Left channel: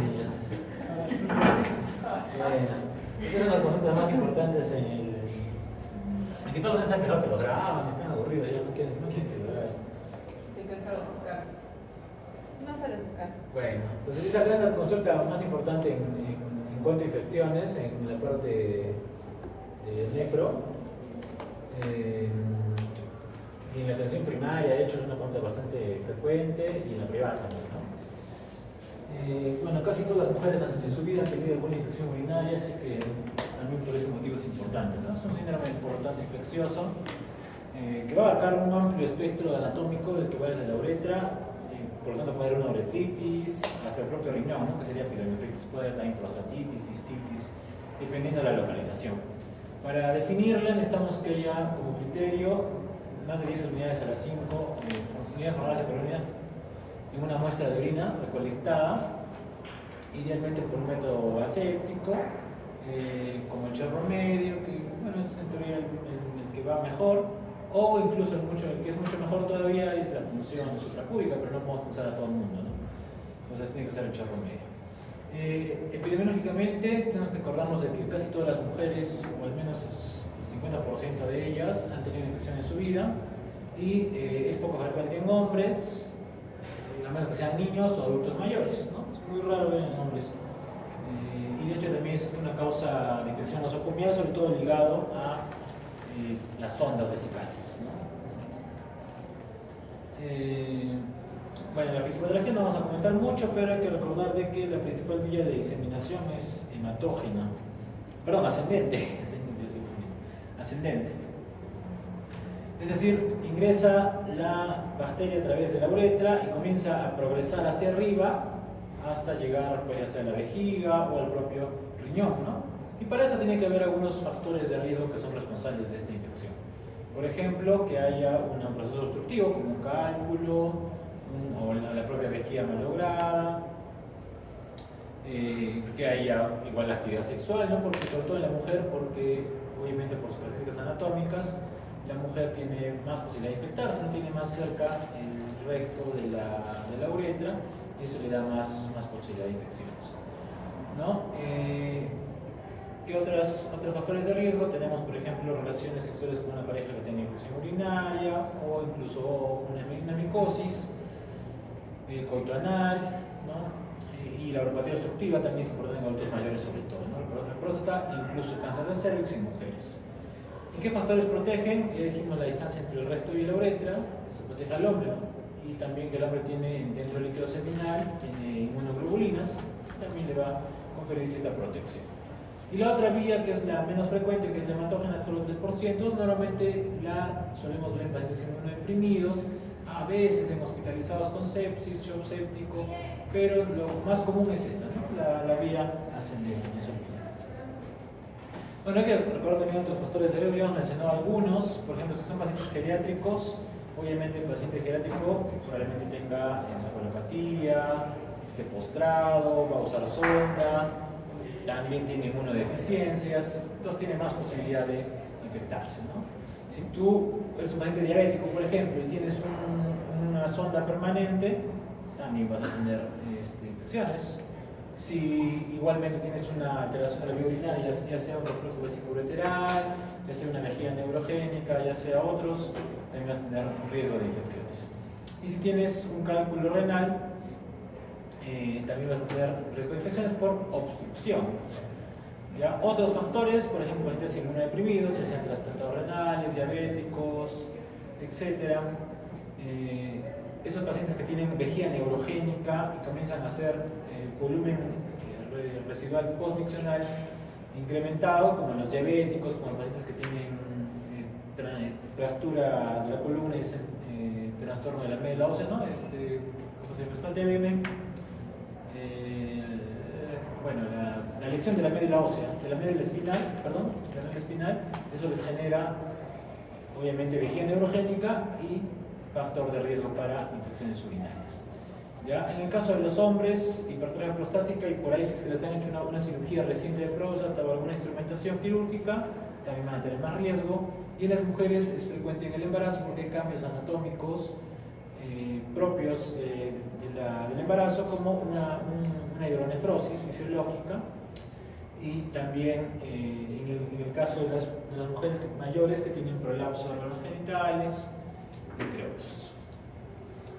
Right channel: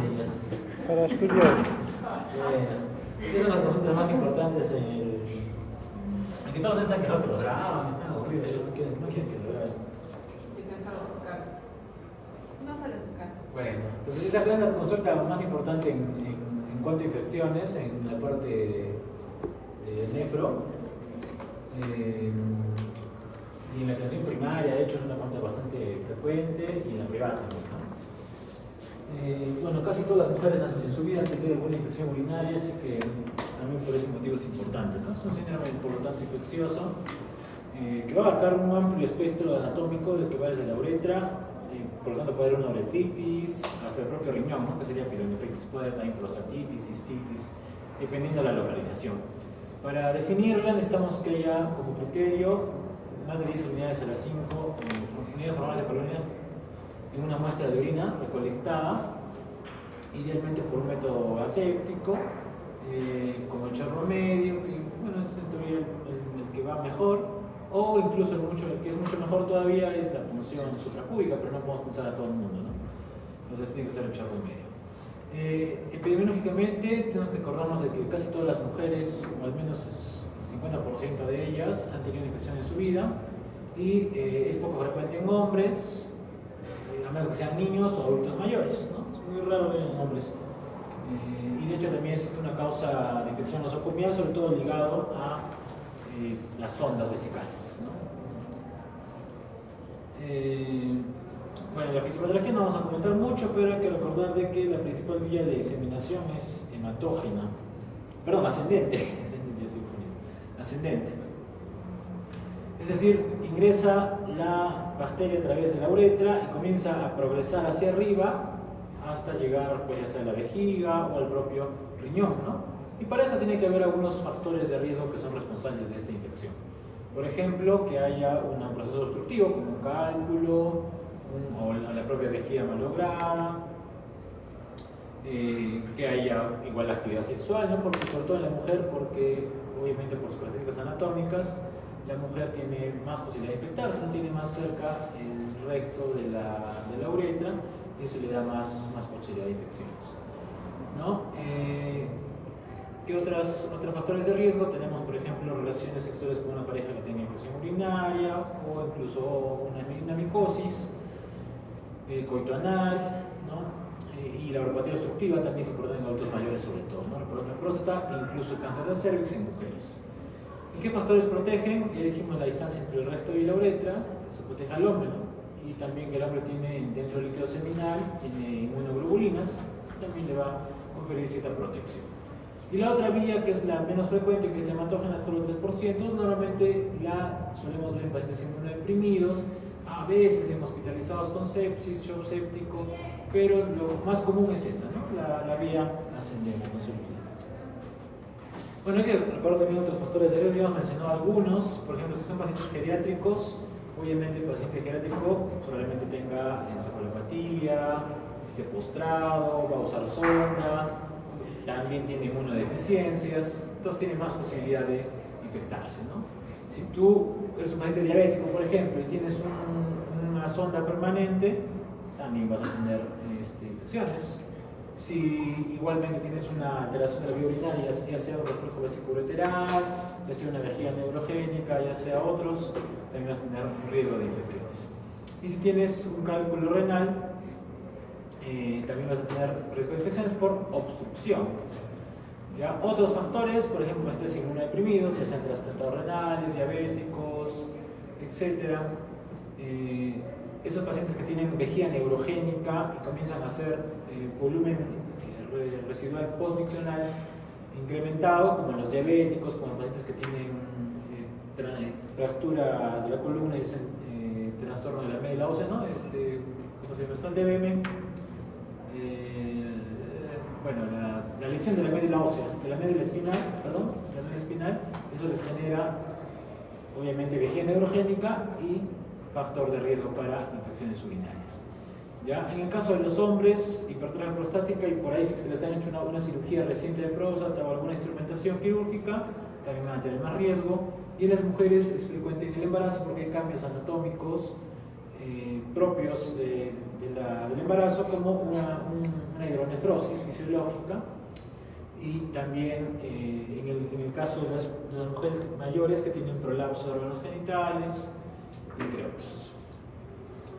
Niñas. Para estudiar. Bueno, estas son las consultas más importantes en el... Aquí todos se han quejado que lo graban, están aburridos, ellos no quieren que se grabe. No sale su cara. Bueno, entonces esta es la consulta más importante en cuanto a infecciones, en la parte nefro. Y en la atención primaria, de hecho, es una pregunta bastante frecuente, y en la privada también, ¿no? Bueno, casi todas las mujeres en su vida han tenido alguna infección urinaria, así que también por ese motivo es importante, ¿no? Es un síndrome, por lo tanto, infeccioso, que va a abarcar un amplio espectro anatómico, desde que va desde la uretra, y por lo tanto puede haber una uretritis, hasta el propio riñón, ¿no? Que sería pielonefritis, puede haber también prostatitis, cistitis, dependiendo de la localización. Para definirla necesitamos que haya como criterio más de 10 unidades a las 5 unidades formales de colonias en una muestra de orina recolectada, idealmente por un método aséptico, como el chorro medio, que bueno, es en teoría el que va mejor, o incluso el que es mucho mejor todavía es la punción suprapúbica, pero no podemos pulsar a todo el mundo, ¿no? Entonces tiene que ser el chorro medio. Epidemiológicamente tenemos que acordarnos de que casi todas las mujeres, o al menos el 50% de ellas, han tenido infección en su vida, y es poco frecuente en hombres, a menos que sean niños o adultos mayores, ¿no? Es muy raro ver en hombres. Y de hecho también es una causa de infección nosocomial, sobre todo ligado a las sondas vesicales, ¿no? Bueno, la fisiopatología no vamos a comentar mucho, pero hay que recordar de que la principal vía de diseminación es hematógena, perdón, ascendente, ascendente. Es decir, ingresa la bacteria a través de la uretra y comienza a progresar hacia arriba hasta llegar, pues, ya sea a la vejiga o al propio riñón, ¿no? Y para eso tiene que haber algunos factores de riesgo que son responsables de esta infección. Por ejemplo, que haya un proceso obstructivo como un cálculo o la propia vejiga malograda, que haya igual actividad sexual, ¿no? Porque, sobre todo en la mujer, porque obviamente por sus características anatómicas, la mujer tiene más posibilidad de infectarse, no tiene más cerca el recto de la uretra, y eso le da más posibilidad de infecciones, ¿no? ¿Qué otros factores de riesgo? Tenemos, por ejemplo, relaciones sexuales con una pareja que tenga infección urinaria, o incluso una micosis, coito anal, ¿no? Y la uropatía obstructiva también es importante en adultos mayores, sobre todo, ¿no? La próstata e incluso el cáncer de cervix en mujeres. ¿Y qué factores protegen? Ya dijimos la distancia entre el recto y la uretra, eso protege al hombre, ¿no? Y también que el hombre tiene dentro del líquido seminal, tiene inmunoglobulinas, también le va a conferir cierta protección. Y la otra vía, que es la menos frecuente, que es la hematógena, solo 3%, normalmente la solemos ver en pacientes inmunodeprimidos, a veces en hospitalizados con sepsis, shock séptico, pero lo más común es esta, ¿no? La vía ascendente, no se olviden. Bueno, hay que recordar también otros factores de riesgo, ya hemos mencionado algunos. Por ejemplo, si son pacientes geriátricos, obviamente el paciente geriátrico probablemente tenga encefalopatía, esté postrado, va a usar sonda, también tiene inmunodeficiencias, entonces tiene más posibilidad de infectarse, ¿no? Si tú eres un paciente diabético, por ejemplo, y tienes una sonda permanente, también vas a tener infecciones. Si igualmente tienes una alteración de la vía urinaria, ya sea un reflujo vesicoureteral, ya sea una vejiga neurogénica, ya sea otros, también vas a tener un riesgo de infecciones. Y si tienes un cálculo renal, también vas a tener riesgo de infecciones por obstrucción. ¿Ya? Otros factores, por ejemplo, pacientes inmunodeprimidos, ya sean trasplantados renales, diabéticos, etc. Esos pacientes que tienen vejiga neurogénica y comienzan a hacer volumen residual postmiccional incrementado, como en los diabéticos, como en pacientes que tienen fractura de la columna y trastorno de la médula ósea, ¿no? ¿Cómo se llama esto? TBM. Bueno, la lesión de la médula ósea, de la médula espinal, eso les genera obviamente vejiga neurogénica y factor de riesgo para infecciones urinarias. ¿Ya? En el caso de los hombres, hipertrofia prostática, y por ahí si es que les han hecho una cirugía reciente de próstata o alguna instrumentación quirúrgica, también van a tener más riesgo. Y en las mujeres es frecuente en el embarazo porque hay cambios anatómicos propios del del embarazo como una hidronefrosis fisiológica, y también en el caso de las mujeres mayores que tienen prolapso de órganos genitales, entre otros.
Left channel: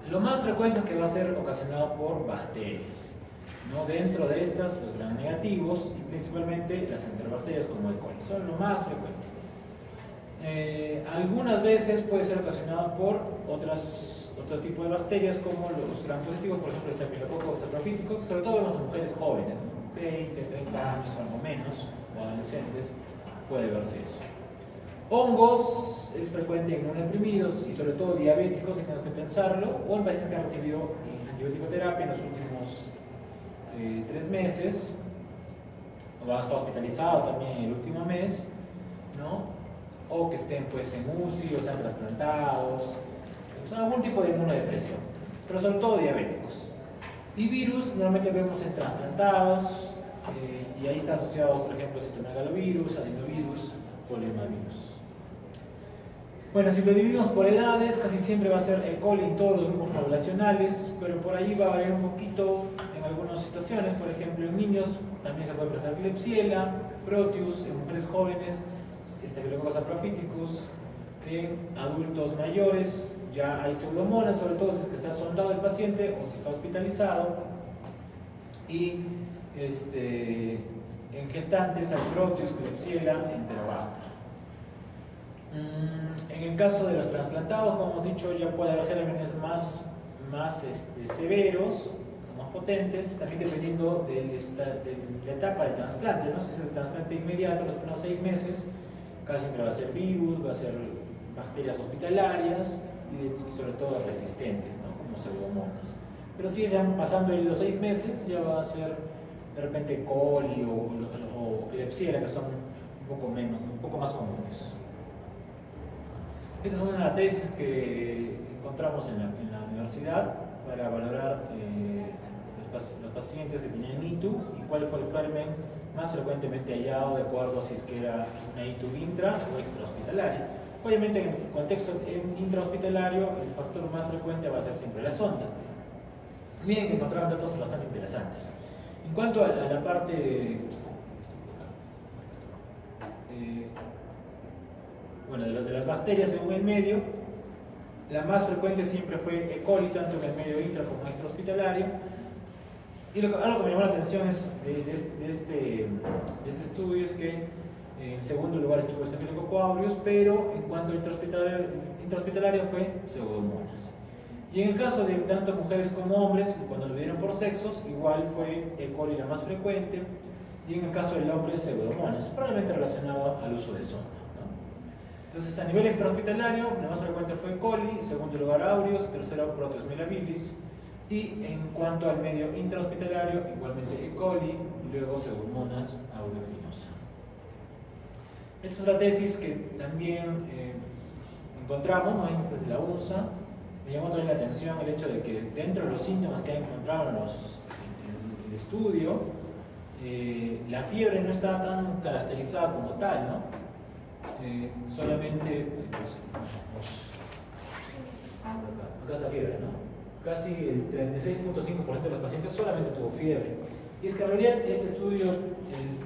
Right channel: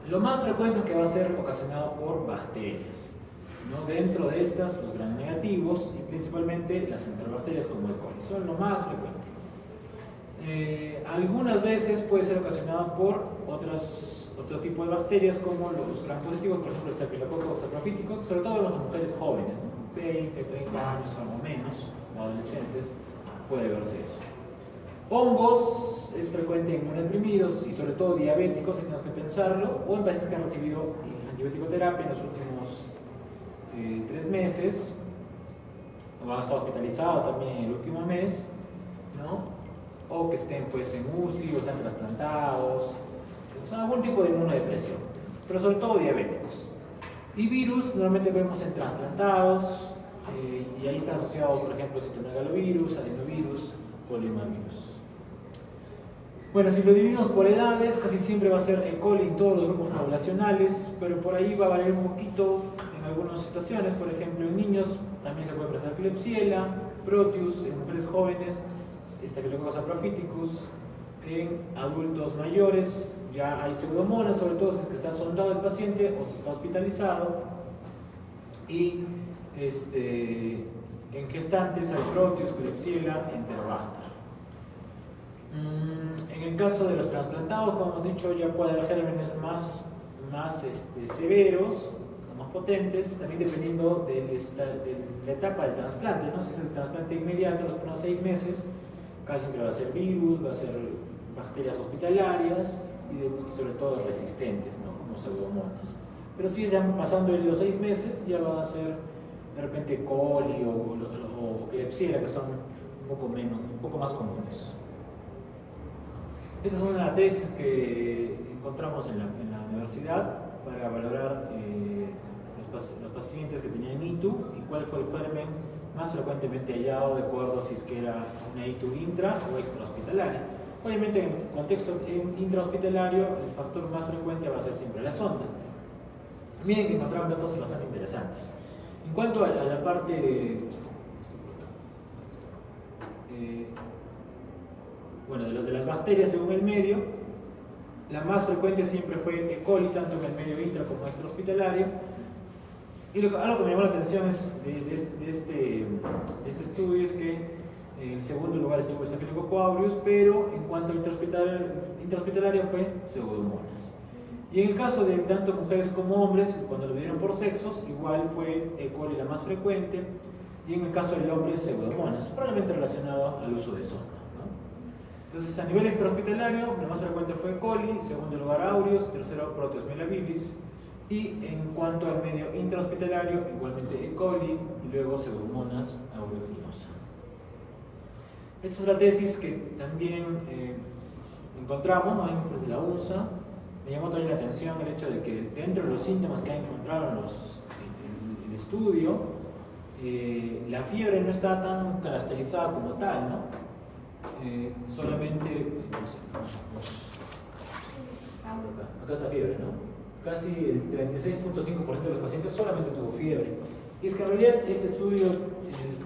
Lo más frecuente es que va a ser ocasionado por bacterias, ¿no? Dentro de estas, los gram negativos y principalmente las enterobacterias como E. coli son lo más frecuente. Algunas veces puede ser ocasionado por otro tipo de bacterias como los gram positivos, por ejemplo, Staphylococcus saprophyticus, sobre todo vemos en mujeres jóvenes, ¿no? 20, 30 años o menos, o adolescentes, puede verse eso. Hongos es frecuente en inmunodeprimidos y sobre todo diabéticos, hay que pensarlo, o en pacientes que han recibido antibiótico terapia en los últimos 3 meses, o han estado hospitalizados también en el último mes, ¿no? O que estén pues en UCI o sean trasplantados, o sea, algún tipo de inmunodepresión, pero sobre todo diabéticos. Y virus normalmente vemos en trasplantados, y ahí está asociado, por ejemplo, citomegalovirus, adenovirus, poliomavirus. Bueno, si lo dividimos por edades, casi siempre va a ser E. coli en todos los grupos poblacionales, pero por ahí va a variar un poquito en algunas situaciones. Por ejemplo, en niños también se puede presentar Klebsiella, Proteus, en mujeres jóvenes, Staphylococcus saprophyticus. En adultos mayores ya hay pseudomonas, sobre todo si es que está sondado el paciente o si está hospitalizado. Y en gestantes hay Proteus, Klebsiella, Enterobacter. En el caso de los trasplantados, como hemos dicho, ya puede haber gérmenes más severos, más potentes, también dependiendo de la etapa del trasplante, ¿no? Si es el trasplante inmediato, los primeros 6 meses, casi siempre va a ser virus, va a ser bacterias hospitalarias y sobre todo resistentes, ¿no? Como pseudomonas. Pero si ya pasando los 6 meses, ya va a ser de repente coli o Klebsiella, que son un poco más comunes. Esta es una tesis que encontramos en la universidad para valorar los pacientes que tenían ITU y cuál fue el germen más frecuentemente hallado de acuerdo a si es que era una ITU intra o extrahospitalaria. Obviamente en contexto intrahospitalario el factor más frecuente va a ser siempre la sonda. Miren que encontraron datos bastante interesantes. En cuanto a la parte de las bacterias según el medio, la más frecuente siempre fue E. coli, tanto en el medio intra como extrahospitalario. Y algo que me llamó la atención de este estudio es que en segundo lugar estuvo Staphylococcus aureus, pero en cuanto a intrahospitalario fue pseudomonas. Y en el caso de tanto mujeres como hombres, cuando lo dieron por sexos, igual fue E. coli la más frecuente, y en el caso del hombre pseudomonas, probablemente relacionado al uso de sonda. Entonces, a nivel extrahospitalario, la más frecuente fue E. coli, segundo lugar aureus, tercero Proteus melabilis, y en cuanto al medio intrahospitalario, igualmente E. coli y luego Pseudomonas aeruginosa. Esta es otra tesis que también encontramos, ¿no? Esta es de la UNSA. Me llamó también la atención el hecho de que dentro de los síntomas que han encontrado en el estudio, la fiebre no está tan caracterizada como tal, ¿no? Solamente acá está fiebre, ¿no? Casi el 36.5% de los pacientes solamente tuvo fiebre. Y es que en realidad este estudio,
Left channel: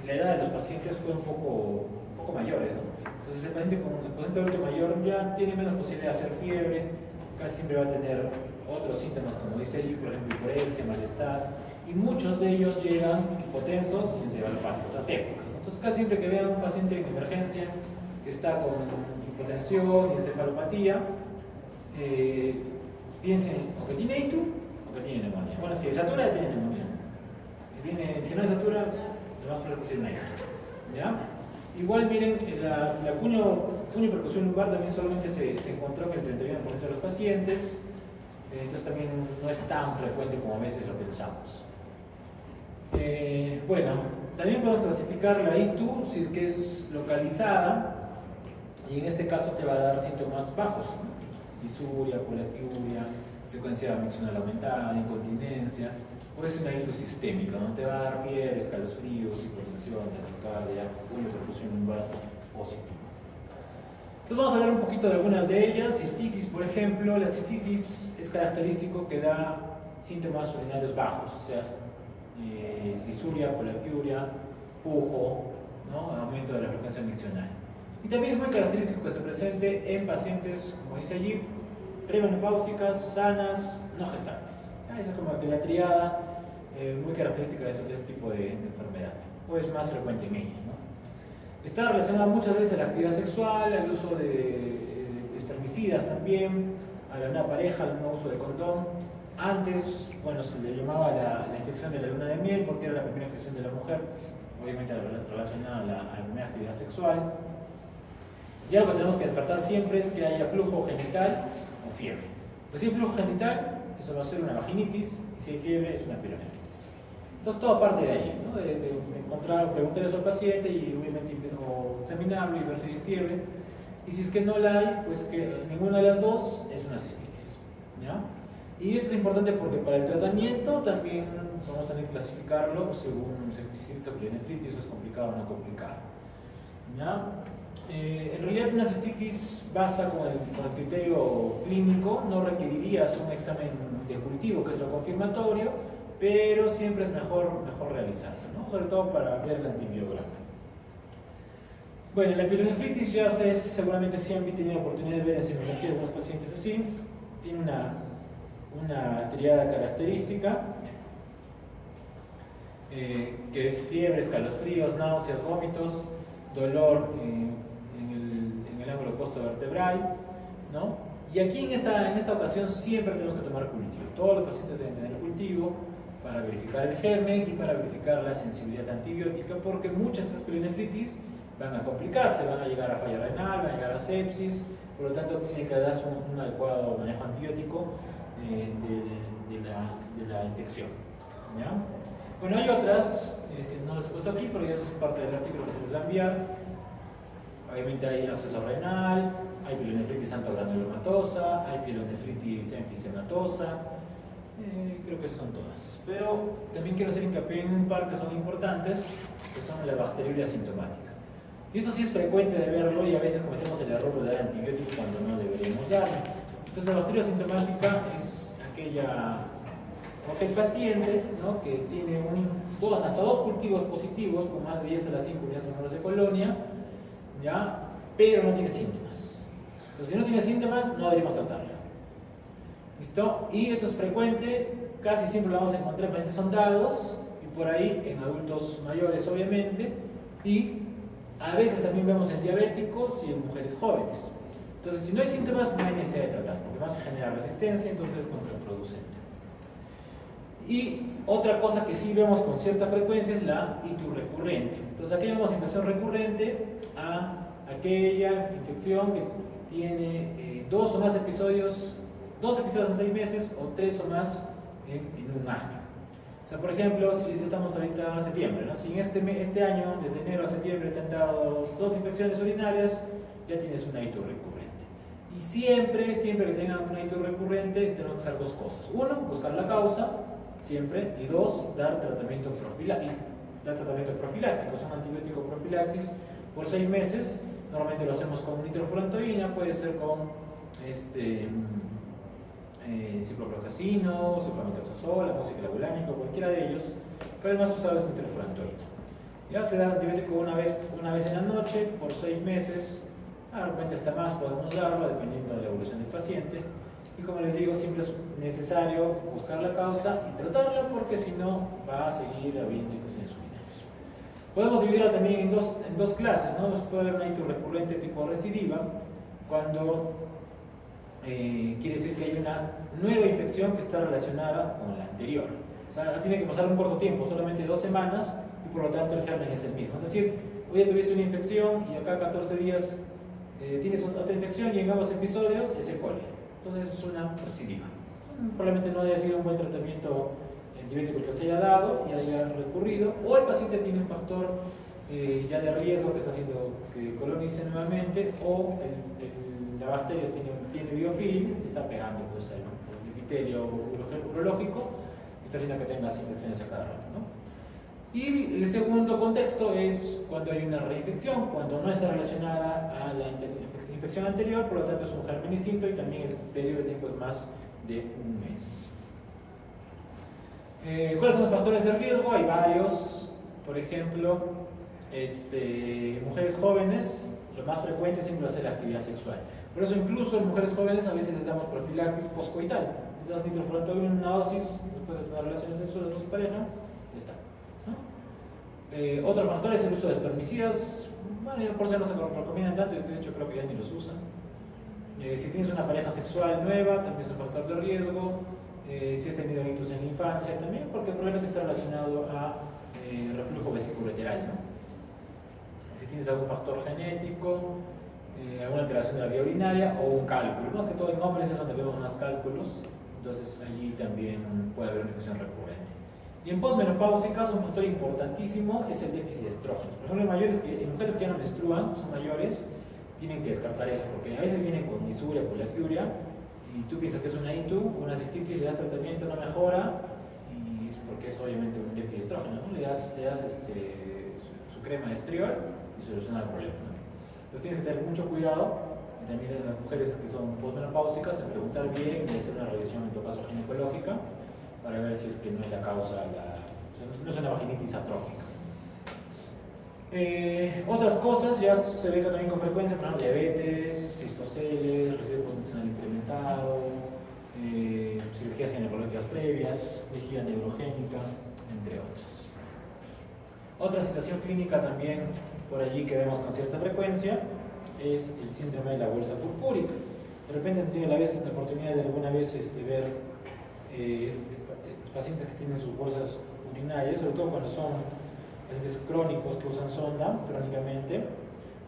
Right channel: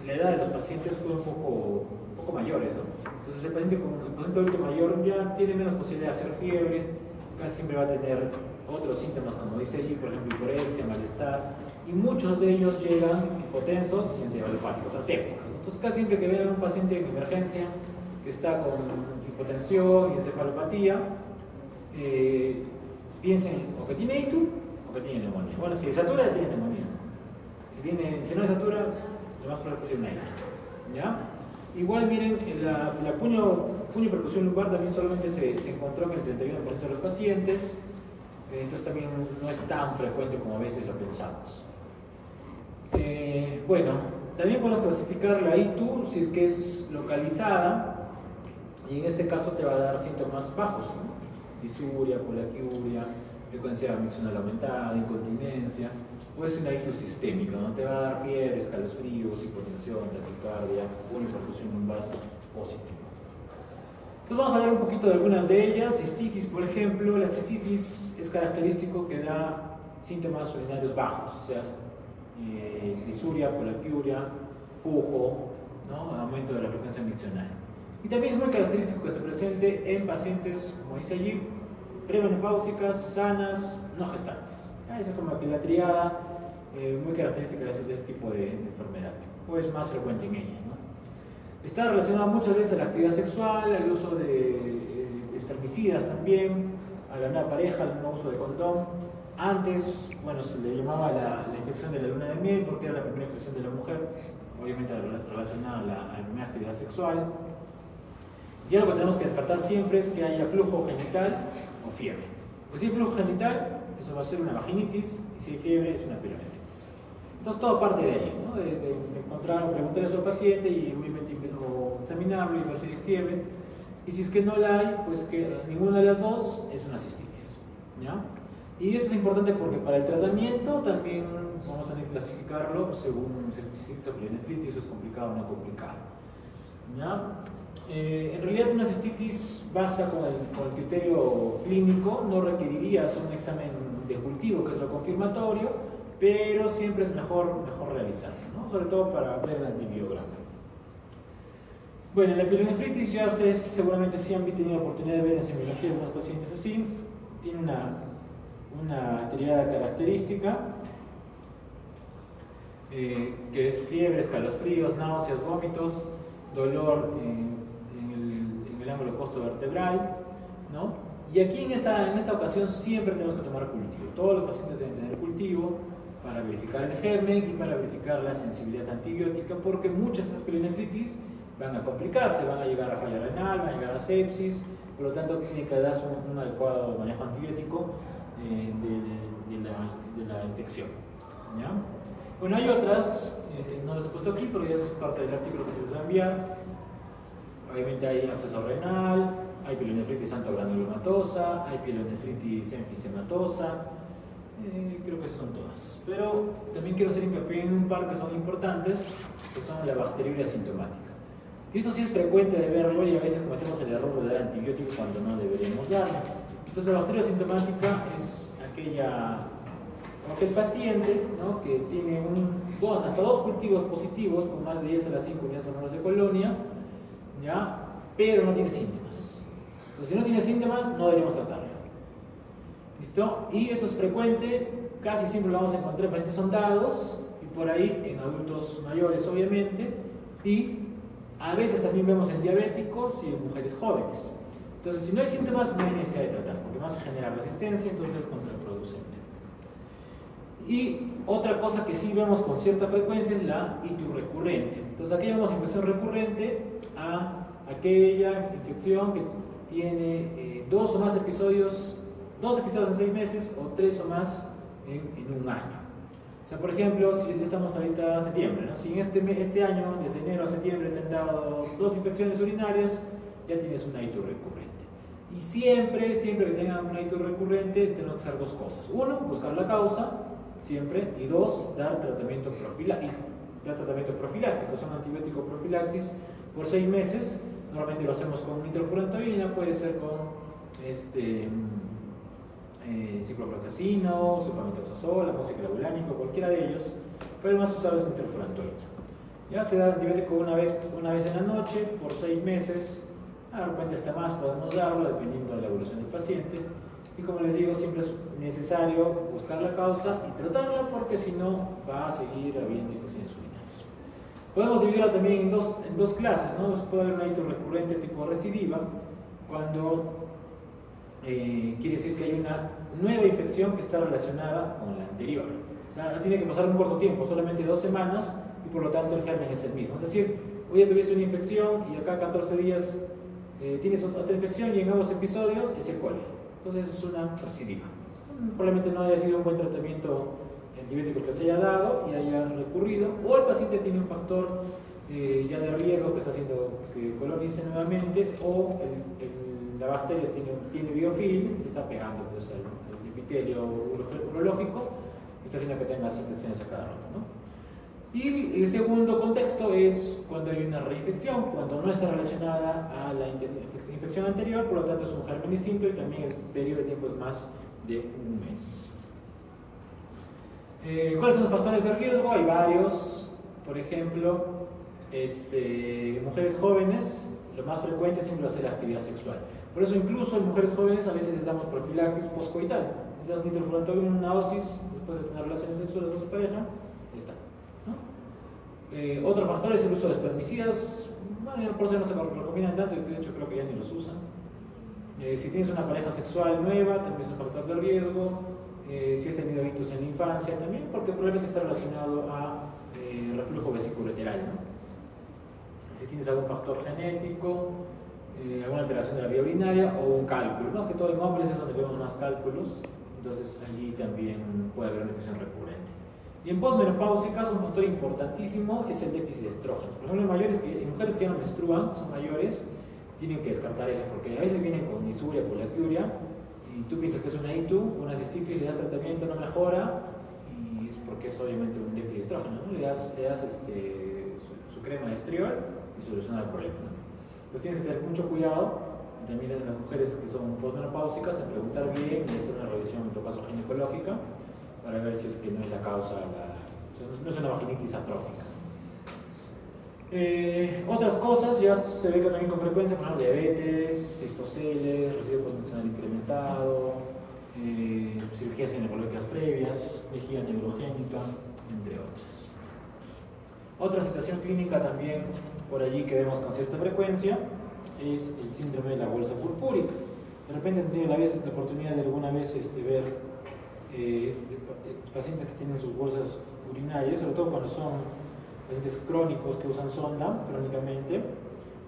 la edad de los pacientes fue un poco mayores, ¿no? Entonces el paciente adulto mayor ya tiene menos posibilidad de hacer fiebre, casi siempre va a tener otros síntomas como dice ahí, por ejemplo hiporesia, malestar, y muchos de ellos llegan hipotensos y encefalopáticos, o sea, sépticos. Entonces casi siempre que vean un paciente en emergencia que está con hipotensión y encefalopatía, piensen o que tiene ITU o que tiene neumonía. Bueno, si satura, tiene neumonía. Si no satura, lo más probable es que sea una ITU. ¿Ya? Igual miren, la puniopercusión lumbar también solamente se encontró en el 31% de los pacientes, entonces también no es tan frecuente como a veces lo pensamos. Bueno, también podemos clasificar la ITU si es que es localizada, y en este caso te va a dar síntomas bajos, ¿no? Disuria, colaquiuria, frecuencia miccional aumentada, incontinencia, o es una ITU sistémica, ¿no? Te va a dar fiebre, escalofríos, hipotensión, taquicardia, puniopercusión lumbar positiva. Entonces vamos a hablar un poquito de algunas de ellas. Cistitis, por ejemplo. La cistitis es característico que da síntomas urinarios bajos, o sea, disuria, poliaquiuria, pujo, ¿no? Aumento de la frecuencia miccional. Y también es muy característico que se presente en pacientes, como dice allí, premenopáusicas, sanas, no gestantes. Esa es como que la triada muy característica de este tipo de enfermedad, o es más frecuente en ellas, ¿no? Está relacionada muchas veces a la actividad sexual, al uso de espermicidas también, a la nueva pareja, al no uso de condón. Antes, bueno, se le llamaba la infección de la luna de miel porque era la primera infección de la mujer, obviamente relacionada a la primera actividad sexual. Y algo que tenemos que descartar siempre es que haya flujo genital o fiebre. Pues si hay flujo genital, eso va a ser una vaginitis, y si hay fiebre, es una pielonefritis. Entonces todo parte de ahí, ¿no? de encontrar, preguntarle eso al paciente y obviamente examinarlo y ver si hay fiebre. Y si es que no la hay, pues que ninguna de las dos es una cistitis, ¿ya? Y esto es importante porque para el tratamiento también vamos a tener que clasificarlo según si es cistitis o pielonefritis, o es complicado o no complicado, ¿ya? En realidad una cistitis basta con el criterio clínico, no requerirías un examen de cultivo, que es lo confirmatorio, pero siempre es mejor realizarlo, ¿no? Sobre todo para ver el antibiograma. Bueno, la pielonefritis ya ustedes seguramente sí han tenido oportunidad de ver en semiología algunos pacientes así. Tiene una triada característica, que es fiebre, escalofríos, náuseas, vómitos, dolor en el ángulo costovertebral, ¿no? Y aquí en esta ocasión siempre tenemos que tomar cultivo. Todos los pacientes deben tener cultivo para verificar el germen y para verificar la sensibilidad antibiótica, porque muchas de estas pielonefritis van a complicarse, van a llegar a falla renal, van a llegar a sepsis, por lo tanto tiene que darse un adecuado manejo antibiótico de la infección, ¿ya? Bueno, hay otras que no las he puesto aquí, pero ya es parte del artículo que se les va a enviar. Obviamente hay absceso renal, hay pielonefritis antogranulomatosa, hay pielonefritis enfisematosa, creo que son todas. Pero también quiero hacer hincapié en un par que son importantes, que son la bacteriuria asintomática. Y esto sí es frecuente de verlo y a veces cometemos el error de dar antibiótico cuando no deberíamos darlo. Entonces la bacteria asintomática es aquel paciente, ¿no?, que tiene hasta dos cultivos positivos con más de 10 a las 5 unidades monomoles de colonia, ¿ya?, pero no tiene síntomas. Entonces si no tiene síntomas no deberíamos tratarlo. ¿Listo? Y esto es frecuente, casi siempre lo vamos a encontrar en pacientes sondados y por ahí en adultos mayores obviamente, y a veces también vemos en diabéticos y en mujeres jóvenes. Entonces si no hay síntomas no hay necesidad de tratar porque vamos a generar resistencia, entonces es contraproducente. Y otra cosa que sí vemos con cierta frecuencia es la itis recurrente. Entonces aquí vemos infección recurrente a aquella infección que tiene dos o más episodios, 2 episodios en 6 meses o 3 o más en un año. O sea, por ejemplo, si estamos ahorita en septiembre, ¿no? Si en este año, desde enero a septiembre, te han dado 2 infecciones urinarias, ya tienes una itis recurrente. Y siempre que tengan una itis recurrente, tenemos que hacer 2 cosas. 1, buscar la causa, siempre, y 2, dar tratamiento profiláctico, son antibiótico profilaxis por 6 meses. Normalmente lo hacemos con nitrofurantoína, puede ser con ciprofloxacino, sulfamethoxazol, amoxiclavulánico, cualquiera de ellos, pero el más usado es nitrofurantoína. Ya se da antibiótico una vez en la noche por 6 meses, de repente hasta más podemos darlo dependiendo de la evolución del paciente. Y como les digo, siempre es necesario buscar la causa y tratarla porque si no va a seguir habiendo infecciones urinarias. Podemos dividirla también en dos clases, ¿no? Puede haber una itis recurrente tipo recidiva, cuando quiere decir que hay una nueva infección que está relacionada con la anterior. O sea, tiene que pasar un corto tiempo, solamente 2 semanas, y por lo tanto el germen es el mismo. Es decir, hoy ya tuviste una infección y acá 14 días tienes otra infección y en ambos episodios es E. coli. Entonces es una recidiva. Probablemente no haya sido un buen tratamiento antibiótico que se haya dado y haya recurrido, o el paciente tiene un factor ya de riesgo que está haciendo que colonice nuevamente, o la bacteria tiene biofilm y se está pegando pues, al epitelio urológico y está haciendo que tengas infecciones a cada rato, ¿no? Y el segundo contexto es cuando hay una reinfección, cuando no está relacionada a la infección anterior, por lo tanto es un germen distinto y también el periodo de tiempo es más de un mes. ¿Cuáles son los factores de riesgo? Hay varios. Por ejemplo, mujeres jóvenes, lo más frecuente siempre va a ser la actividad sexual. Por eso incluso en mujeres jóvenes a veces les damos profilaxis postcoital. Les das nitrofurantoína en una dosis después de tener relaciones sexuales con su pareja, ya está, ¿no? Otro factor es el uso de espermicidas. Bueno, por eso no se recomiendan tanto, de hecho creo que ya ni los usan. Si tienes una pareja sexual nueva, también es un factor de riesgo. Si has tenido hitos en la infancia, también, porque probablemente está relacionado a reflujo vesículo-ureteral, ¿no? Si tienes algún factor genético, alguna alteración de la vía urinaria o un cálculo. Más que todo en hombres es donde vemos más cálculos, entonces allí también puede haber una infección recurrente. Y en posmenopáusicas, un factor importantísimo es el déficit de estrógenos. Por ejemplo, en mujeres que ya no menstruan, son mayores, tienen que descartar eso, porque a veces vienen con disuria, poliacuria, y tú piensas que es una ITU, una cistitis, le das tratamiento, no mejora, y es porque es obviamente un déficit de estrógeno, ¿no? Le das su crema de estriol y soluciona el problema, ¿no? Entonces tienes que tener mucho cuidado, también en las mujeres que son posmenopáusicas, en preguntar bien y hacer una revisión en todo caso ginecológica para ver si es que no es la causa, no es una vaginitis atrófica. Otras cosas ya se ve también con frecuencia, por ejemplo, diabetes, cistoceles, residuo postnutricional incrementado, cirugías ginecológicas previas, vejiga neurogénica, entre otras. Otra situación clínica también por allí que vemos con cierta frecuencia es el síndrome de la bolsa purpúrica. De repente han tenido la oportunidad de alguna vez ver pacientes que tienen sus bolsas urinarias, sobre todo cuando son pacientes crónicos que usan sonda crónicamente,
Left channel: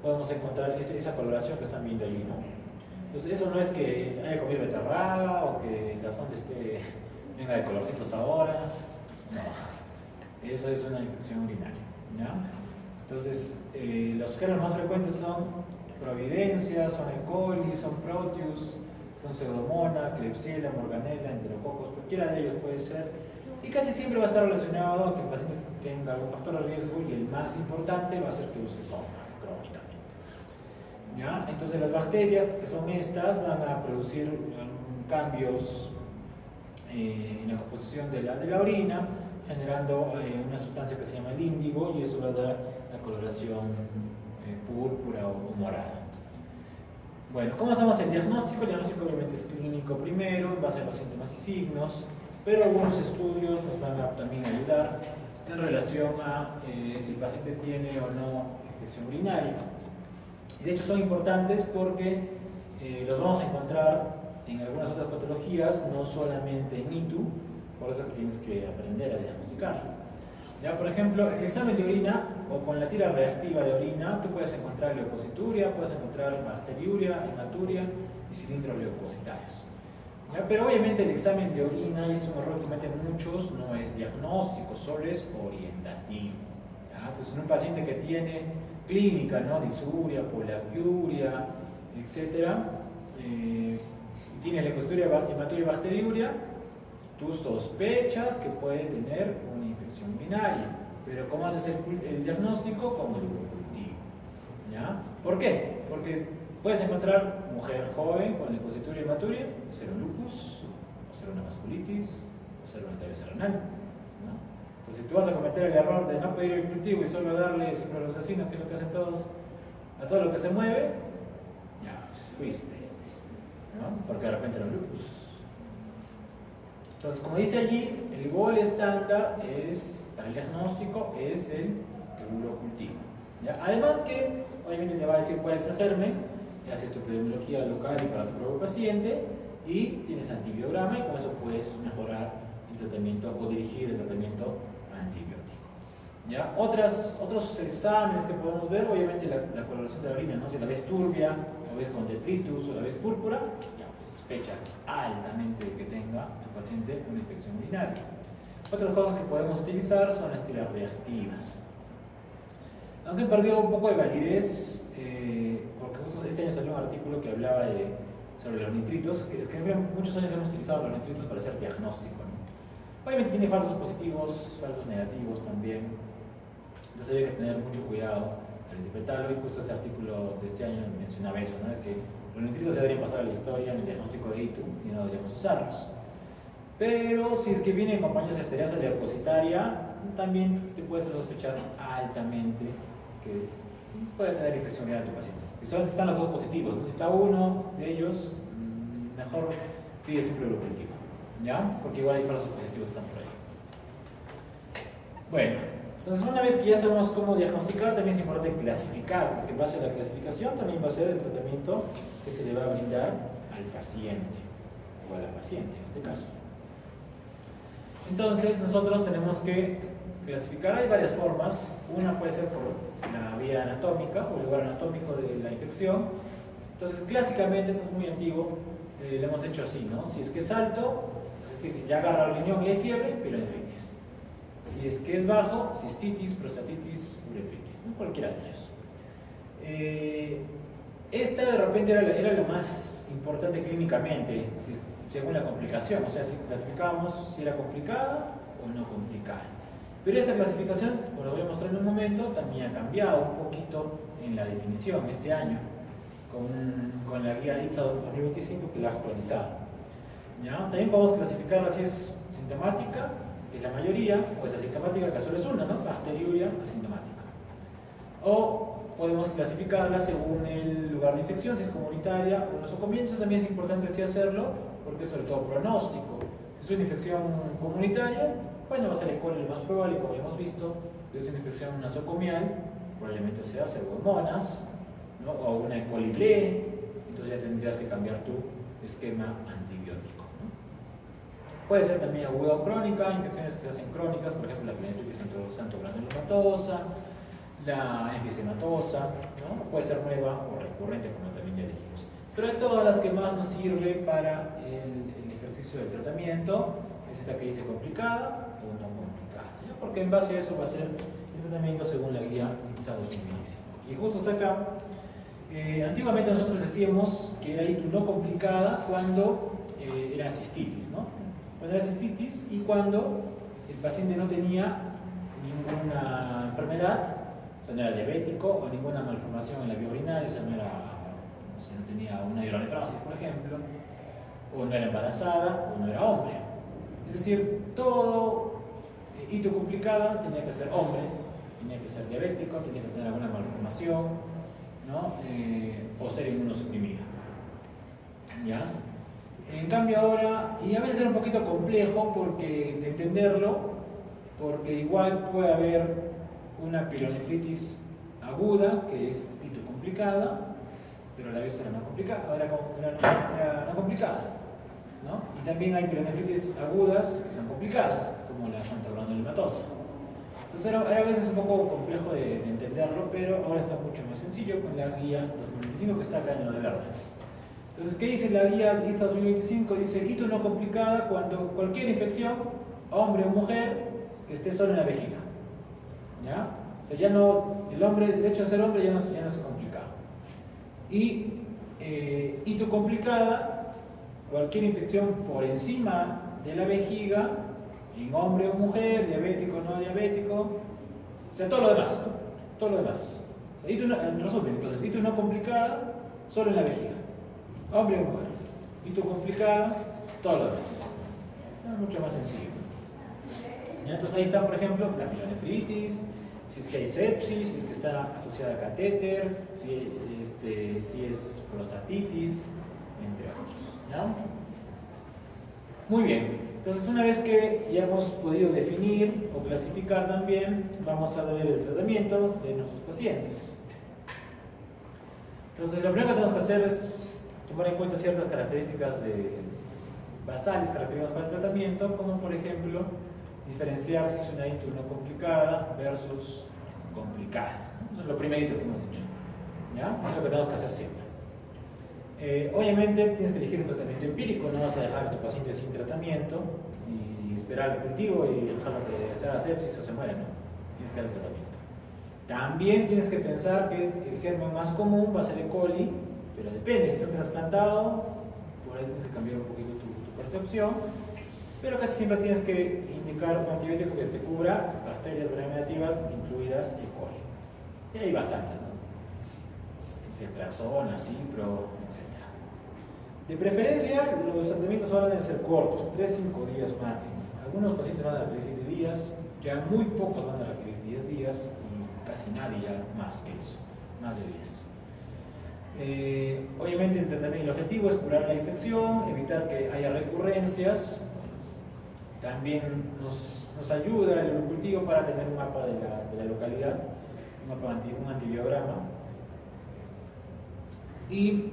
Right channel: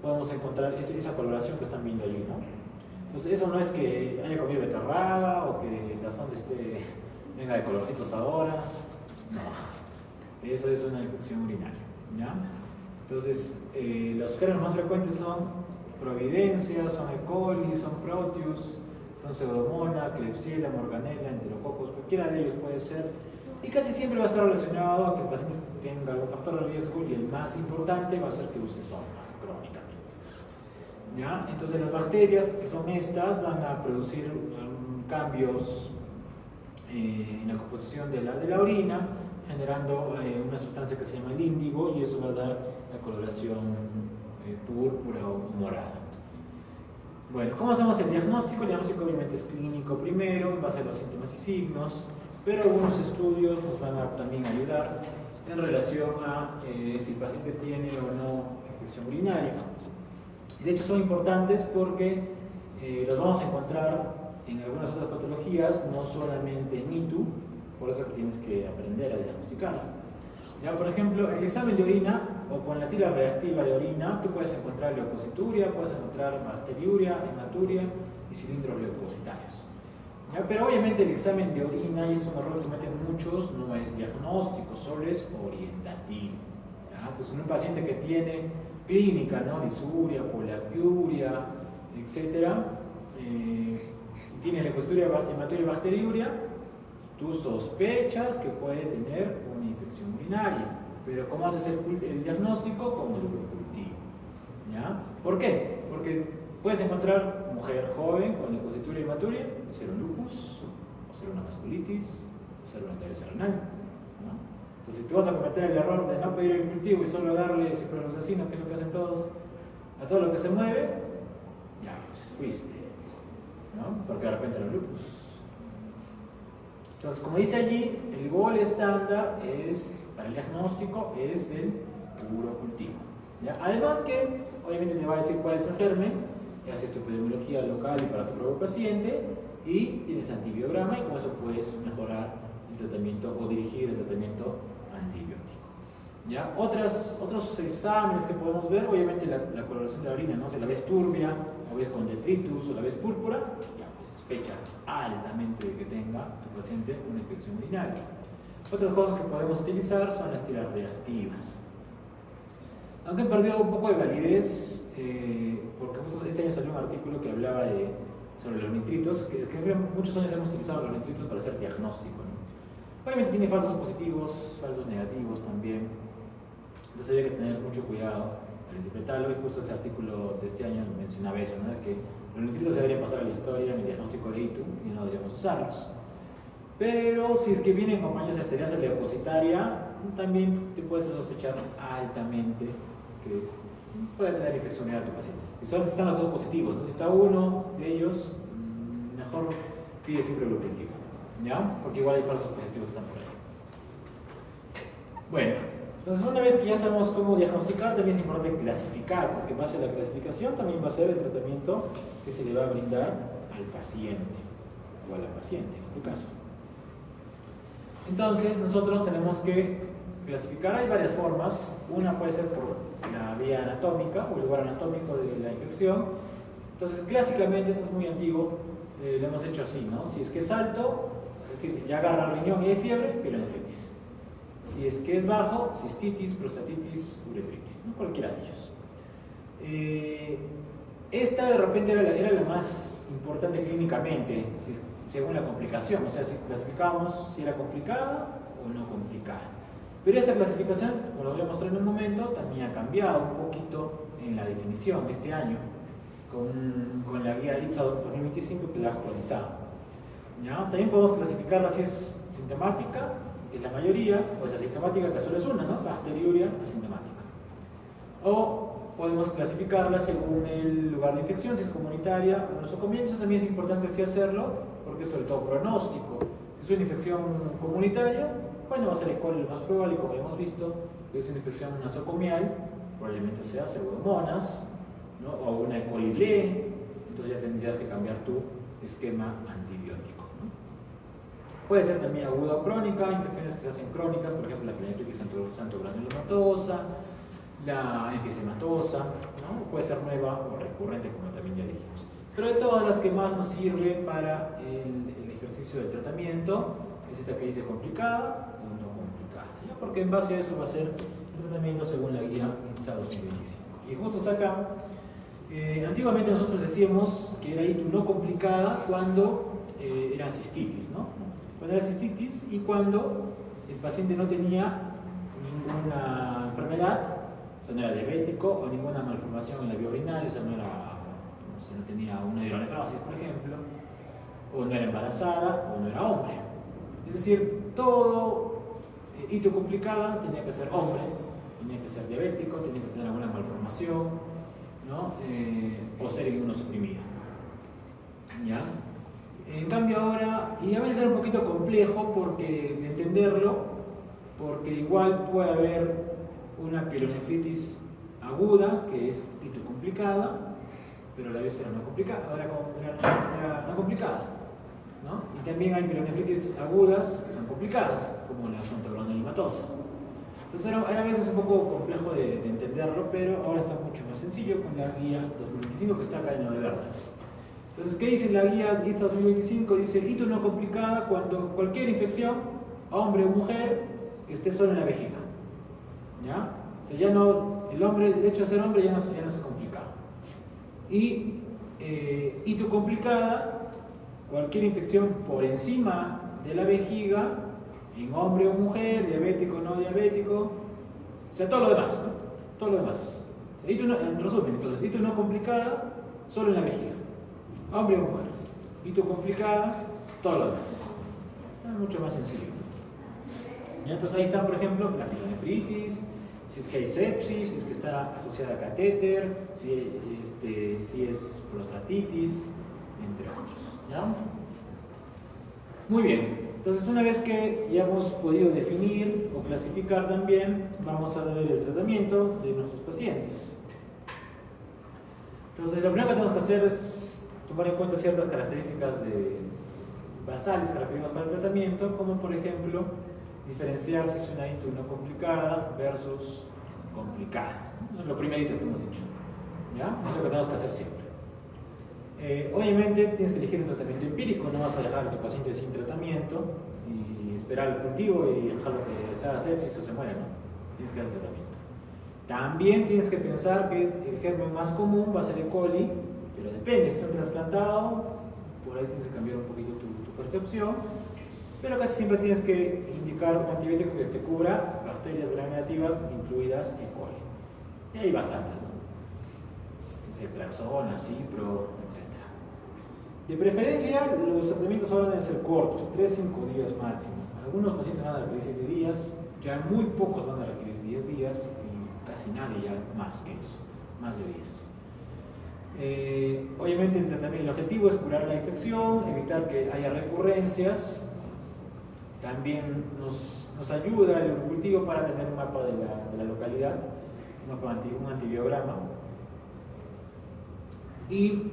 podemos encontrar esa coloración que están viendo allí, ¿no? Entonces eso no es que haya comido beterraga o que la sonda venga de colorcitos ahora, no, eso es una infección urinaria, ¿ya? Entonces los gérmenes más frecuentes son Providencia, son E. coli, son Proteus, son Pseudomonas, Klebsiella, Morganella, Enterococos, cualquiera de ellos puede ser, y casi siempre va a estar relacionado a que el paciente tenga algún factor de riesgo, y el más importante va a ser que use sonda crónicamente, ¿ya? Entonces las bacterias, que son estas, van a producir cambios en la composición de la orina, generando una sustancia que se llama el índigo, y eso va a dar la coloración púrpura o morada. Bueno, ¿cómo hacemos el diagnóstico? El diagnóstico obviamente es clínico primero, en base a los síntomas y signos, pero algunos estudios nos van a también ayudar en relación a si el paciente tiene o no infección urinaria. De hecho son importantes porque los vamos a encontrar en algunas otras patologías, no solamente en ITU, por eso que tienes que aprender a diagnosticarlo. Ya, por ejemplo, el examen de orina o con la tira reactiva de orina, tú puedes encontrar leucocituria, puedes encontrar bacteriuria, hematuria y cilindros leucocitarios. ¿Ya? Pero obviamente el examen de orina, y es un error que cometen muchos, no es diagnóstico, solo es orientativo. ¿Ya? Entonces, un paciente que tiene clínica, ¿no? Disuria, poliacuria, etc., tiene leucocituria, hematuria y bacteriuria, tú sospechas que puede tener una infección urinaria, pero ¿cómo haces el diagnóstico? Con el urocultivo, ¿ya? ¿Por qué? Porque puedes encontrar mujer joven con leucocituria y hematuria, o ser un lupus, o ser una vasculitis, o ser un etavios renal, ¿no? Entonces, si tú vas a cometer el error de no pedir el cultivo y solo darle ciprofloxacino, que es lo que hacen todos, a todo lo que se mueve, ya, pues fuiste, ¿no? Porque de repente era un lupus. Entonces, como dice allí, el gol estándar para el diagnóstico es el urocultivo, ¿ya? Además que, obviamente te va a decir cuál es el germen, y haces tu epidemiología local y para tu propio paciente, y tienes antibiograma, y con eso puedes mejorar el tratamiento o dirigir el tratamiento antibiótico, ¿ya? Otros exámenes que podemos ver, obviamente la coloración de la orina, ¿no? Si la ves turbia, o ves con detritus, o la ves púrpura, ya, pues sospecha altamente de que tenga tu paciente una infección urinaria. Otras cosas que podemos utilizar son las tiras reactivas. Aunque han perdido un poco de validez, porque justo este año salió un artículo que hablaba sobre los nitritos, que muchos años hemos utilizado los nitritos para hacer diagnóstico, ¿no? Obviamente tiene falsos positivos, falsos negativos también, entonces hay que tener mucho cuidado al interpretarlo, y justo este artículo de este año mencionaba eso, ¿no? De que los nitritos se deberían pasar a la historia en el diagnóstico de ITU y no deberíamos usarlos. Pero si es que viene en compañía de esteriasis leucocitaria, también te puedes sospechar altamente que puede tener infección viral a tu paciente. Si están los dos positivos, ¿no? Si está uno de ellos, mejor pide siempre grupo positivo, ¿ya? Porque igual hay falsos positivos que están por ahí. Bueno, entonces una vez que ya sabemos cómo diagnosticar, también es importante clasificar, porque en base a la clasificación también va a ser el tratamiento que se le va a brindar al paciente, o a la paciente en este caso. Entonces nosotros tenemos que clasificar, hay varias formas. Una puede ser por la vía anatómica o el lugar anatómico de la infección. Entonces clásicamente, esto es muy antiguo, lo hemos hecho así, ¿no? Si es que es alto, es decir, ya agarra el riñón y hay fiebre, pielonefritis. Si es que es bajo, cistitis, prostatitis, uretritis, ¿no? Cualquiera de ellos. Esta de repente era la más importante clínicamente, según la complicación, o sea, si clasificábamos si era complicada o no complicada. Pero esta clasificación, como lo voy a mostrar en un momento, también ha cambiado un poquito en la definición este año, con la guía ITSA 2025 que la ha actualizado. ¿Ya? También podemos clasificarla si es sintomática, que es la mayoría, o es asintomática, que solo es una, ¿no? Bacteriuria asintomática. O podemos clasificarla según el lugar de infección, si es comunitaria o nosocomial. Eso también es importante así hacerlo, porque es sobre todo pronóstico. Si es una infección comunitaria, bueno, va a ser E. coli lo más probable, como ya hemos visto. Si es una infección nosocomial, probablemente sea pseudomonas, ¿no? O una E. coli ble, entonces ya tendrías que cambiar tu esquema antibiótico, ¿no? Puede ser también aguda o crónica, infecciones que se hacen crónicas, por ejemplo la pielonefritis santo-granulomatosa, la enfisematosa, ¿no? Puede ser nueva o recurrente, como también ya dijimos. Pero de todas las que más nos sirve para el ejercicio del tratamiento es esta que dice complicada o no complicada, ¿no? Porque en base a eso va a ser el tratamiento según la guía ITSA 2025. Y justo hasta acá, antiguamente nosotros decíamos que era ITU no complicada cuando era cistitis, ¿no? Cuando era cistitis y cuando el paciente no tenía ninguna enfermedad, o sea, no era diabético o ninguna malformación en la vía urinaria, o sea, no tenía una hidronefrosis, por ejemplo, o no era embarazada o no era hombre. Es decir, todo hito complicada tenía que ser hombre, tenía que ser diabético, tenía que tener alguna malformación, ¿no? O ser inmunosuprimido. ¿Ya? En cambio ahora, y a veces es un poquito complejo de entenderlo, porque igual puede haber una pielonefritis aguda, que es hito complicada, pero a la vez era no complicada, era no complicada, ¿no? Y también hay pielonefritis agudas que son complicadas, como la santo-granulomatosa. Entonces era a veces un poco complejo de entenderlo, pero ahora está mucho más sencillo con la guía 2025 que está acá en lo de verde. Entonces, ¿qué dice la guía ITSA 2025? Dice, hito no complicada cuando cualquier infección, hombre o mujer, que esté solo en la vejiga. ¿Ya? O sea, ya no, el hecho de ser hombre ya no se complica. Y hito complicada, cualquier infección por encima de la vejiga, en hombre o mujer, diabético o no diabético, o sea, todo lo demás, ¿no? Todo lo demás. O sea, en resumen, entonces, hito no complicada, solo en la vejiga. Hombre o mujer. Hito complicada, todo lo demás. Es mucho más sencillo. ¿Ya? Entonces ahí está, por ejemplo, la pielonefritis, si es que hay sepsis, si es que está asociada a catéter, si es prostatitis, entre otros. ¿Ya? Muy bien. Entonces, una vez que ya hemos podido definir o clasificar también, vamos a ver el tratamiento de nuestros pacientes. Entonces, lo primero que tenemos que hacer es tomar en cuenta ciertas características basales que requerimos para el tratamiento, como por ejemplo, diferenciar si es una hito no complicada versus complicada. Eso es lo primerito que hemos dicho. ¿Ya? Es lo que tenemos que hacer siempre. Obviamente tienes que elegir un tratamiento empírico, no vas a dejar a tu paciente sin tratamiento y esperar el cultivo y dejarlo que se haga sepsis o se muera, ¿no? Tienes que dar el tratamiento. También tienes que pensar que el germen más común va a ser E. coli, pero depende, si es un trasplantado, por ahí tienes que cambiar un poquito tu percepción, pero casi siempre tienes que indicar un antibiótico que te cubra bacterias gram negativas, incluidas E. coli. Y hay bastantes, ¿no? Ceftriaxona, Cipro, etc. De preferencia, los tratamientos ahora deben ser cortos, 3-5 días máximo. Algunos pacientes van a requerir 7 días, ya muy pocos van a requerir 10 días y casi nadie ya más que eso, más de 10. Obviamente el objetivo es curar la infección, evitar que haya recurrencias. También nos ayuda el urocultivo para tener un mapa de la localidad, un antibiograma. Y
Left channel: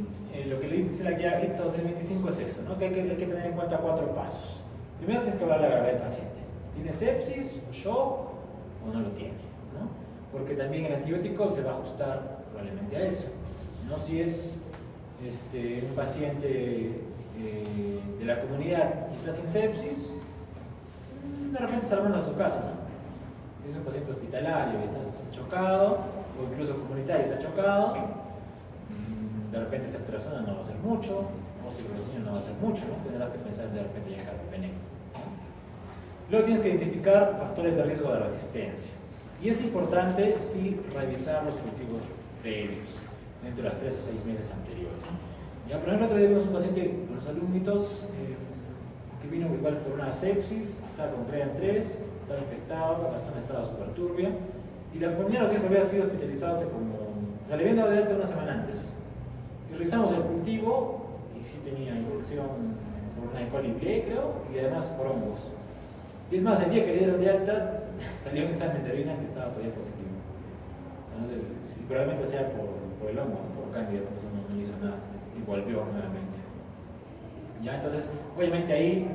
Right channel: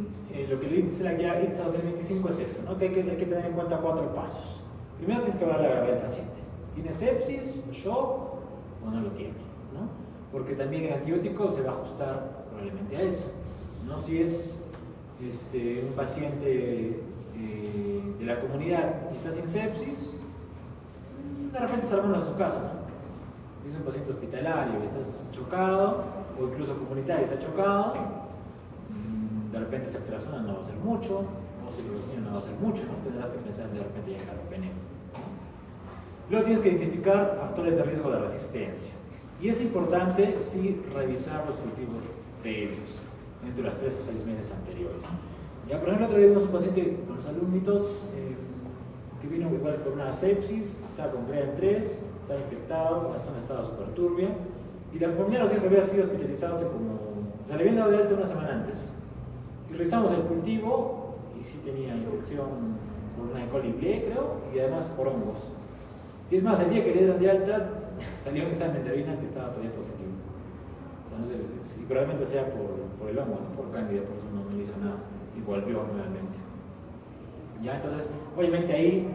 lo que le dice la guía ITSA 2025 es esto, ¿no? Que hay que tener en cuenta 4 pasos. Primero tienes que evaluar la gravedad del paciente. ¿Tiene sepsis o shock o no lo tiene? ¿No? Porque también el antibiótico se va a ajustar probablemente a eso, ¿no? Si es un paciente de la comunidad y está sin sepsis, de repente se lo mandas a su casa, ¿no? Si es un paciente hospitalario y estás chocado, o incluso comunitario y está chocado, de repente ceftriaxona no va a hacer mucho, o ciprofloxacina no va a hacer mucho, ¿no? Tendrás que pensar de repente ya en carbapenem. Luego tienes que identificar factores de riesgo de resistencia. Y es importante sí revisar los cultivos previos, dentro de las 3 a 6 meses anteriores. Ya, por ejemplo, tenemos un paciente con los alumnitos que vino igual por una sepsis, estaba con CREAN 3, estaba infectado, la zona estaba súper turbia, y la enfermera nos dijo que había sido hospitalizado hace como, o sea, le habían dado de alta una semana antes. Y revisamos el cultivo y sí tenía infección por una E. coli ble, creo, y además por hongos. Y es más, el día que le dieron de alta, salió un examen de orina que estaba todavía positivo. O sea, no sé, si probablemente sea por el hongo, ¿no? Por cándida, por eso no le hizo nada. Y volvió nuevamente. Ya, entonces, obviamente ahí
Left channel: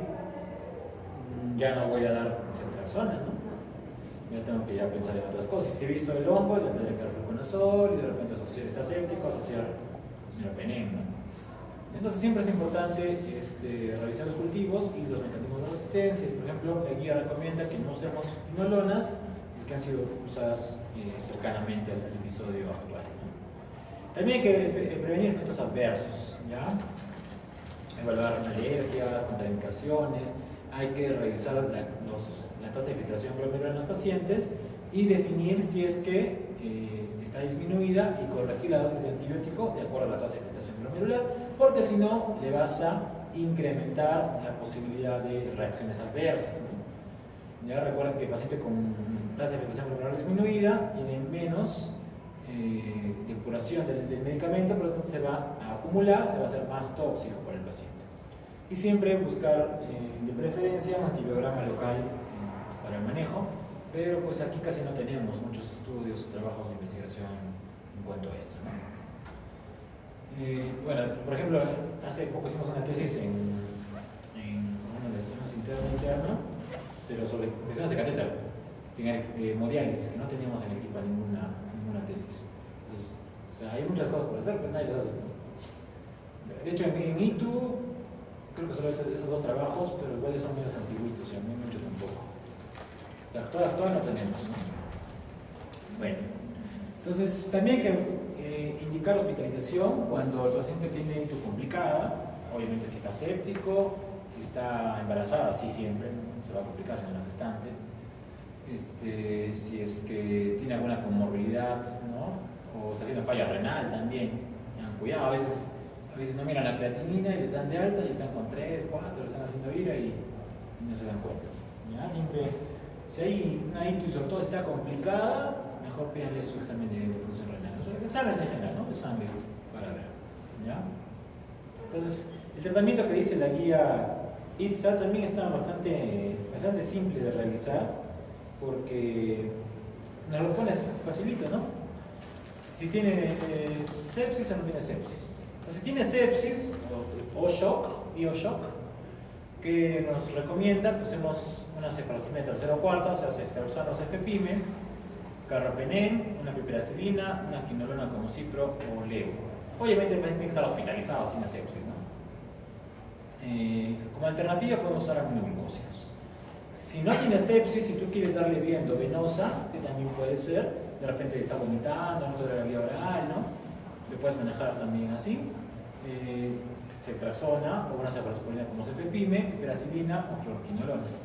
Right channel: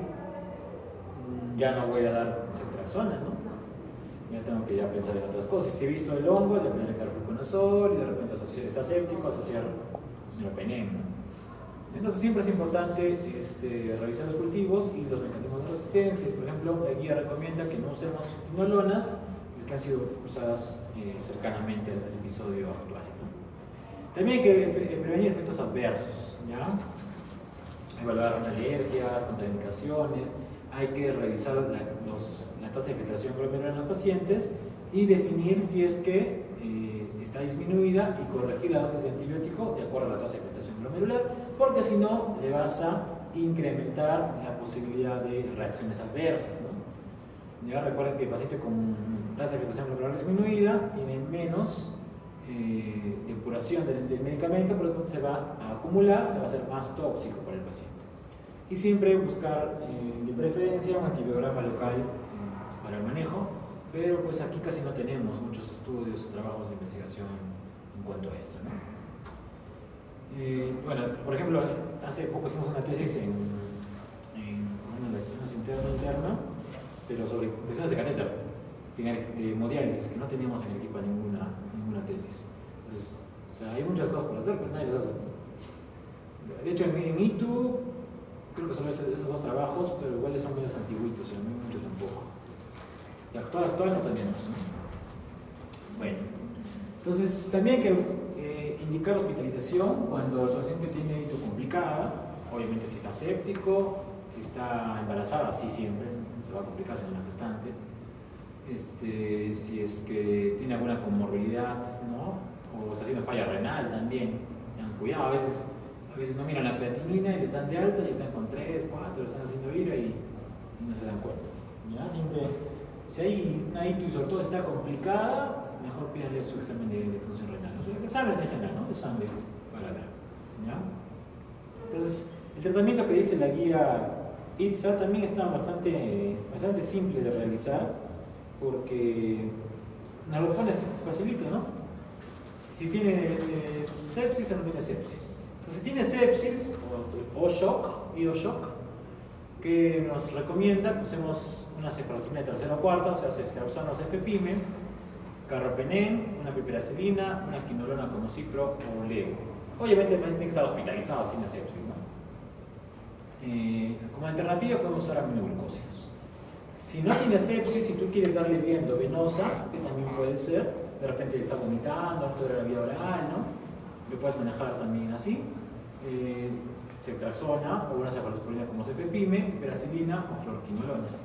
ya no voy a dar ceftriaxona, ¿no? Ya tengo que ya pensar en otras cosas. Si he visto el hongo, ya tendré que dar fluconazol y de repente asociar, está séptico, asociar meropenem, ¿no? Entonces siempre es importante revisar los cultivos y los mecanismos de resistencia. Por ejemplo, la guía recomienda que no usemos inolonas si es que han sido usadas cercanamente al episodio actual, ¿no? También hay que prevenir efectos adversos, ¿ya? Evaluar alergias, contraindicaciones. Hay que revisar la tasa de filtración glomerular en los pacientes y definir si es que está disminuida y corregir la dosis de antibiótico de acuerdo a la tasa de filtración glomerular, porque si no, le vas a incrementar la posibilidad de reacciones adversas, ¿no? Ya recuerden que el paciente con tasa de filtración glomerular disminuida tiene menos depuración del medicamento, por lo tanto se va a acumular, se va a hacer más tóxico para el paciente. Y siempre buscar de preferencia un antibiograma local para el manejo, pero pues aquí casi no tenemos muchos estudios o trabajos de investigación en cuanto a esto, ¿no? Bueno, por ejemplo, hace poco hicimos una tesis en una lección interna, pero sobre infecciones de catéter, de hemodiálisis, que no teníamos en el equipo ninguna tesis. Entonces, o sea, hay muchas cosas por hacer, pero nadie las hace. De hecho, en ITU creo que solo esos 2 trabajos, pero igual son medios antiguitos, o sea, no hay mucho tampoco. De actual no tenemos, ¿no? Bueno, entonces también hay que indicar hospitalización cuando el paciente tiene ito complicada, obviamente si está séptico, si está embarazada, sí siempre, ¿no? Se va a complicar si no es una gestante, si es que tiene alguna comorbilidad, ¿no? O está haciendo falla renal también, tengan cuidado, a veces no miran la creatinina y les dan de alta y están con 3, 4, están haciendo ira y no se dan cuenta, ¿ya? Siempre, si hay una ito y sobre todo está complicada, mejor pídanle su examen de función renal, ¿no? Exámenes en general, ¿no? De sangre para ver, ¿ya? Entonces, el tratamiento que dice la guía ITSA también está bastante simple de realizar, porque nos lo pone facilito, ¿no? Si tiene sepsis o no tiene sepsis. Entonces, si tiene sepsis o shock, bioshock, que nos recomienda que usemos una cefalotina de 3/4, o sea, ceftriaxona o cefepime, carbapenem, una piperacilina, una quinolona como cipro o leo. Obviamente el paciente tiene que estar hospitalizado si tiene sepsis, ¿no? Como alternativa podemos usar aminoglucósidos. Si no tiene sepsis, si tú quieres darle vía endovenosa, que también puede ser, de repente está vomitando, no te da la vía oral, ¿no? Lo puedes manejar también así. Ceftriaxona o una cefalosporina como cefepime, piperacilina o fluoroquinolones.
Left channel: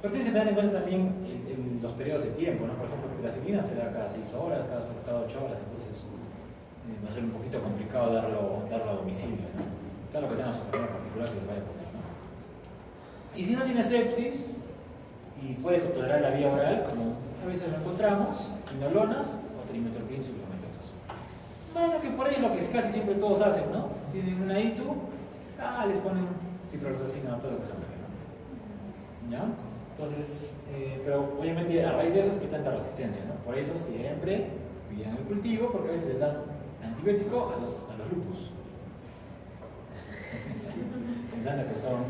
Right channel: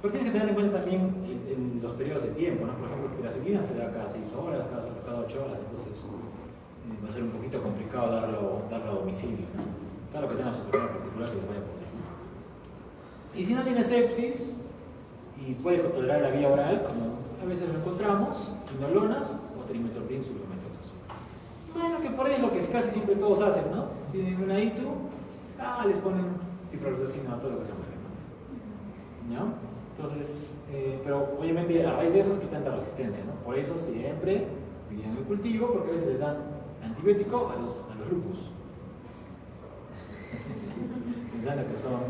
Pero tienes que tener en cuenta también los periodos de tiempo, ¿no? Por ejemplo, la piperacilina se da cada 6 horas, cada 8 horas, entonces va a ser un poquito complicado darlo a domicilio, ¿no? Tal lo que tenga su enfermedad particular que le vaya a poner, ¿no? Y si no tiene sepsis y puede tolerar la vía oral, como a veces lo encontramos, quinolonas o trimetopril suplementados. Bueno, que por ahí es lo que casi siempre todos hacen, ¿no? Tienen una ITU, les ponen ciprofloxacina a todo lo que se mueve, ¿no? ¿Ya? Entonces, pero obviamente a raíz de eso es que tanta resistencia, ¿no? Por eso siempre piden el cultivo, porque a veces les dan antibiótico a los lupus. Pensando que son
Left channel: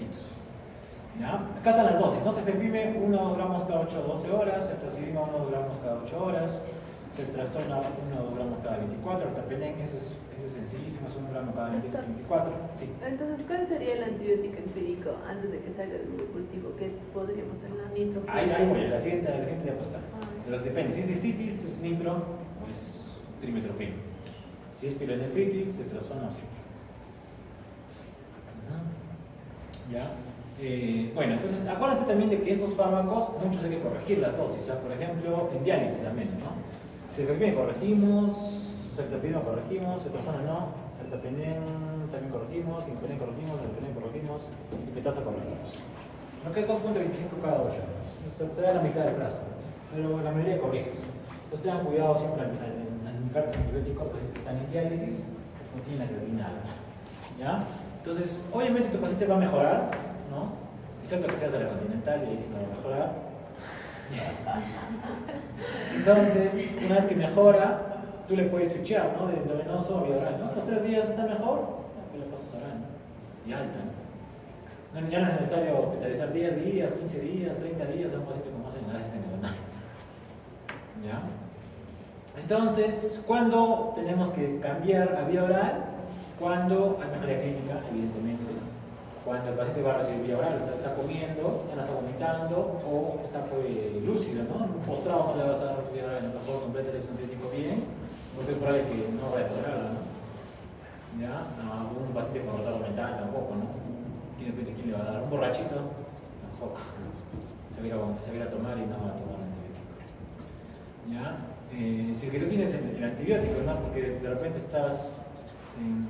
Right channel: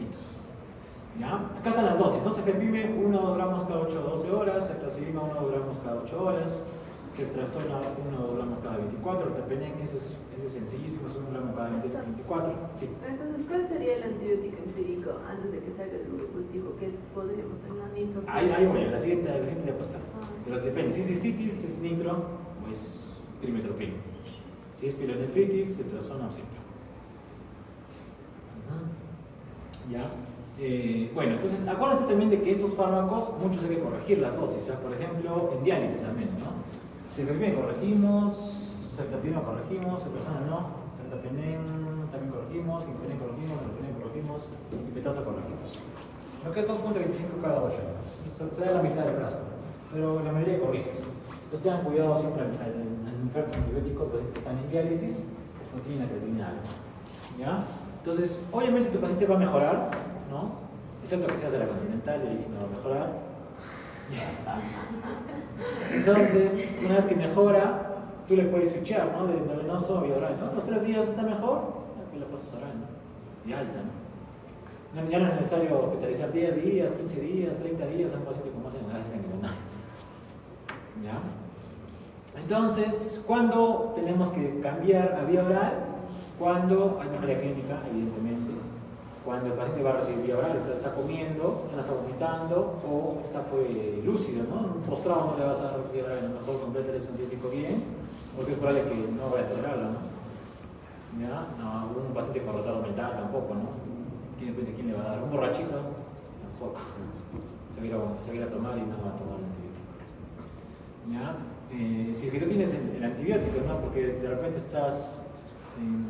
ITUs. ¿Ya? Acá están las dosis, ¿no? Cefepime 1 gramos cada 8 o 12 horas, ceftazidima 1 gramos cada 8 horas, ceftriaxona 1 gramos cada 24, ertapenem, ese es sencillísimo, es 1 gramo cada 24. Sí. Entonces, ¿cuál sería el antibiótico empírico antes de que salga el monocultivo? ¿Qué podríamos hacer? ¿No? Nitro. Ahí voy, la siguiente diapositiva. Pero depende, si es cistitis, es nitro o es trimetoprim. Si es pielonefritis, ceftriaxona o cipro. ¿Ya? Bueno, entonces acuérdense también de que estos fármacos, muchos hay que corregir las dosis, por ejemplo, en diálisis al menos, ¿no? Cefepime corregimos, ceftazidima corregimos, ceftriaxona no, ertapenem también corregimos, impenem corregimos, y petasa corregimos. Lo que es 2.25 cada 8 horas, se da la mitad del frasco, pero la mayoría corriges. Entonces tengan cuidado siempre al indicar antibiótico, pues que están en diálisis, pues no tienen la creatinina alta, ¿ya? Entonces, obviamente tu paciente va a mejorar, ¿no? Excepto que seas de la Continental y ahí sí no va a mejorar. Entonces, una vez que mejora, tú le puedes switchear, ¿no? De endovenoso a vía oral, ¿no? Los 3 días está mejor, pues la pasas oral, ¿no? Y alta, ¿no? Ya no es necesario hospitalizar 10 días, 15 días, 30 días a un paciente con más amenazas en el oral. ¿Ya? Entonces, ¿cuándo tenemos que cambiar a vía oral? Cuando hay mejoría clínica, evidentemente. Cuando el paciente va a recibir vía oral, está comiendo, no está vomitando o está pues, lúcido, ¿no? Un postrado no le vas a dar vía oral, a lo mejor completa el antibiótico bien, porque es probable que no vaya a tolerarlo, ¿no? ¿Ya? No, un paciente con retardo mental tampoco, ¿no? ¿Quién le va a dar? Un borrachito tampoco. Se va a ir a tomar y no va a tomar el antibiótico. ¿Ya? Si es que tú tienes el antibiótico, ¿no? Porque de repente estás en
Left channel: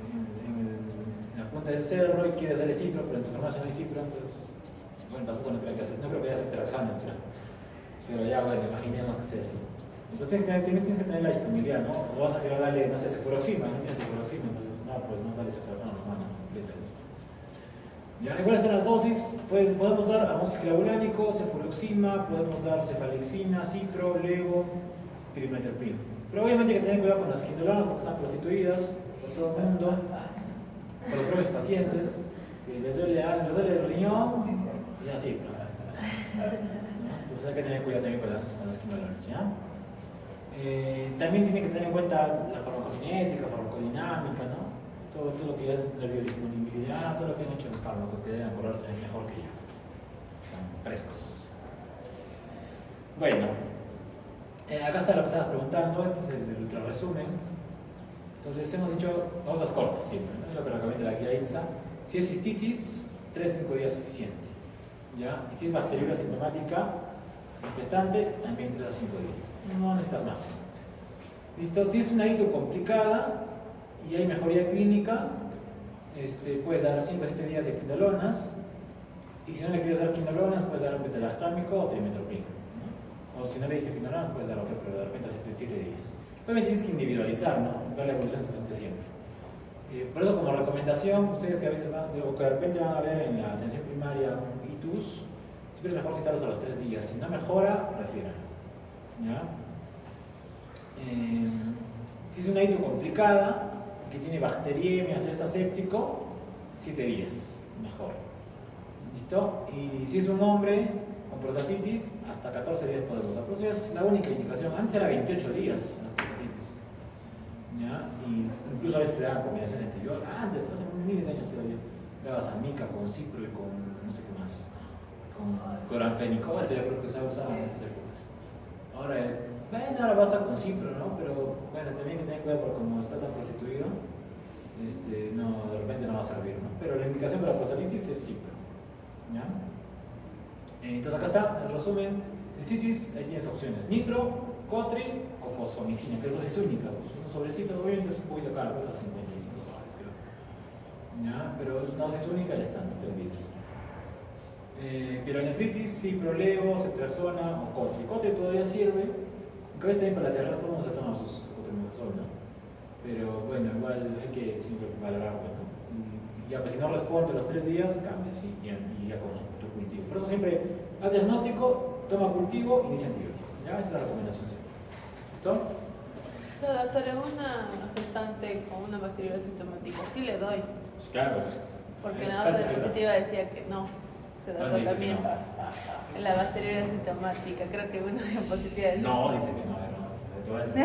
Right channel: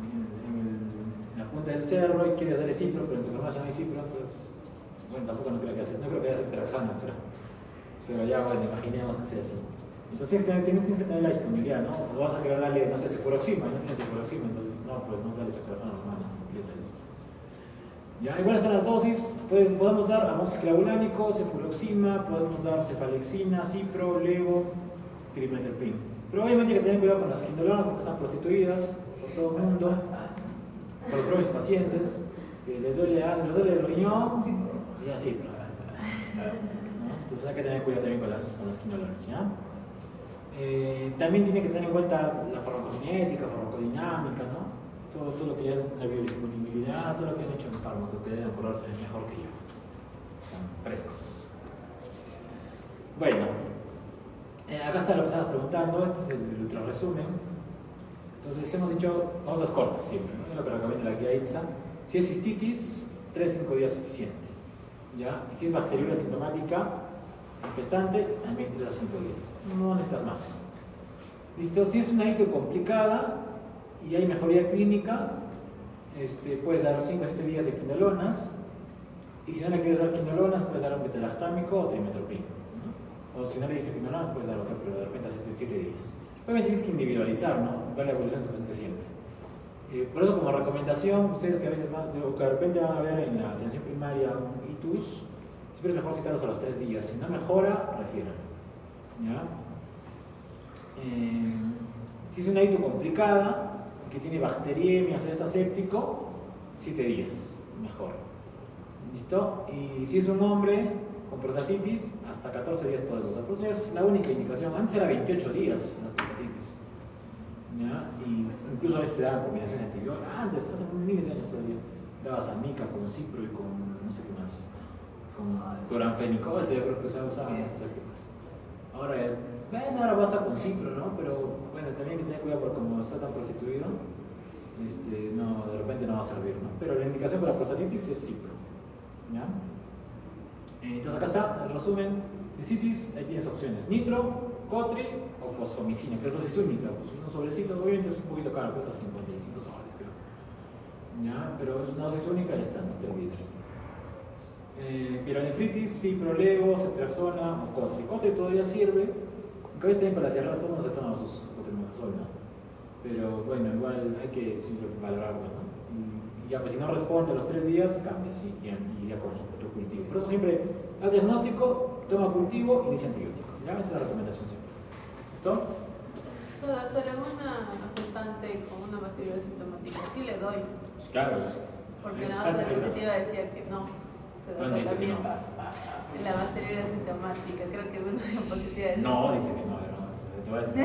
la punta del cerro y quieres darle cipro, pero en tu farmacia no hay cipro, entonces, bueno, tampoco no creo que haya ceftriaxona, pero ya, bueno, imaginemos que sea así. Entonces tienes que tener la disponibilidad, ¿no? O vas a querer darle, no sé, cefuroxima, no tienes cefuroxima, entonces, no, pues no dale ceftriaxona normal, completa. Ya, igual están las dosis, pues podemos dar amoxiclavulánico, cefuroxima, podemos dar cefalexina, cipro, levo, trimetopril. Pero obviamente hay que tener cuidado con las quinolonas porque están prostituidas por todo el mundo, por los propios pacientes, que les duele el riñón y así, ¿no? Entonces hay que tener cuidado también con las quinolonas, ¿ya? También tienen que tener en cuenta la farmacocinética, farmacodinámica, ¿no? Todo lo que es la biodisponibilidad, todo lo que han hecho en el fármaco, que deben acordarse mejor que yo. Están frescos. Bueno, acá está lo que estabas preguntando, este es el ultra resumen. Entonces hemos dicho, vamos a las cortes siempre, ¿no? Lo que recomienda la guía ITSA. Si es cistitis, 3-5 días es suficiente. ¿Ya? Y si es bacteriuria sintomática, en gestante, también 3 a 5 días. No necesitas más. ¿Listo? Si es una ITU complicada y hay mejoría clínica, puedes dar 5 a 7 días de quinolonas. Y si no le quieres dar quinolonas, puedes dar un betalactámico o trimetopril, ¿no? O si no le diste quinolonas, puedes dar otro, pero de repente hasta 7 días. Obviamente tienes que individualizar, ¿no? Ver la evolución de tu paciente siempre. Por eso, como recomendación, ustedes que a veces o que de repente van a ver en la atención primaria un ITUS, siempre es mejor citarlos a los 3 días. Si no mejora, refieran. ¿Ya? Si es una ITU complicada, que tiene bacteriemia o está séptico, 7 días, mejor. ¿Listo? Y si es un hombre con prostatitis, hasta 14 días podemos usar. Por eso es la única indicación. Antes era 28 días la prostatitis. ¿Ya? Y incluso a veces se daban combinaciones de antibióticos. Antes, hace miles de años todavía, dabas almica con cipro y con no sé qué más. Con cloranfenicol, yo creo que se usaba en esas épocas. Ahora basta con cipro, ¿no? Pero bueno, también hay que tener cuidado porque como está tan prostituido, no, de repente no va a servir, ¿no? Pero la indicación para la prostatitis es cipro. ¿Ya? Entonces acá está el resumen. Cistitis, ahí tienes opciones: nitro, cotri o fosfomicina, que es dosis única. Pues es un sobrecito, obviamente es un poquito caro, cuesta 55 soles, creo. ¿ya? Pero es una dosis única y ya está, no te olvides. Pielonefritis, ciproleo, ceftriaxona o cotre. Cotre todavía sirve, aunque a veces también para cerrar todo el mundo se toma sus cotrimoxazol, ¿no? Pero bueno, igual hay que siempre valorarlo, ¿no? Y ya, pues si no responde a los 3 días, cambias y ya con tu cultivo. Por eso siempre haz diagnóstico, toma cultivo, inicia antibiótico. ¿Ya? Esa es la recomendación siempre. ¿Listo? Para una gestante con una bacteriuria sintomática, sí le doy. Pues claro. Porque la otra diapositiva decía que no. Se da ¿Dónde dice que no? La bacteriuria sintomática, creo que una diapositiva decía. No, dice que no, te voy a decir.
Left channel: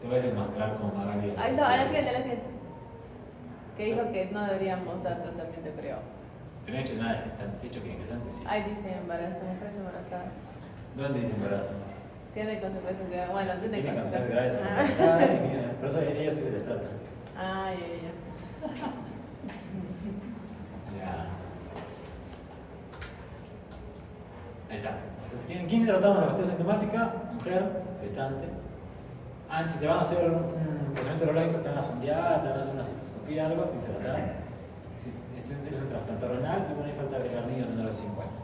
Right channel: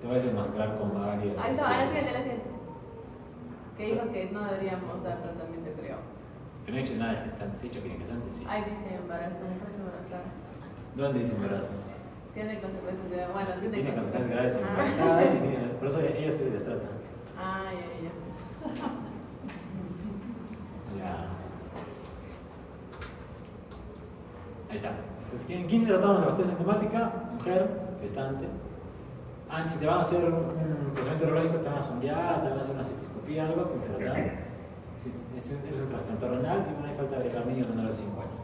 Te voy a desenmascarar con Magali. Ay, no, a la siguiente. Que dijo que no deberíamos dar tratamiento, creo. Yo no he hecho nada de gestante, he dicho que en gestante sí. Ahí dice embarazo, mujer embarazada. ¿Dónde dice embarazo? Tiene consecuencias graves. Bueno, Tiene consecuencias graves embarazadas y mira, por eso ellos sí se les trata. Ah, ya. Ya. Ahí está. Entonces, en 15 tratamos la bacteria sintomática, mujer, gestante. Si te van a hacer un procedimiento urológico, te van a sondear, te van a hacer una cistoscopía, algo, tienes que tratar. Si es un trasplante renal, y no hay falta de agregar niños menores de 5 años.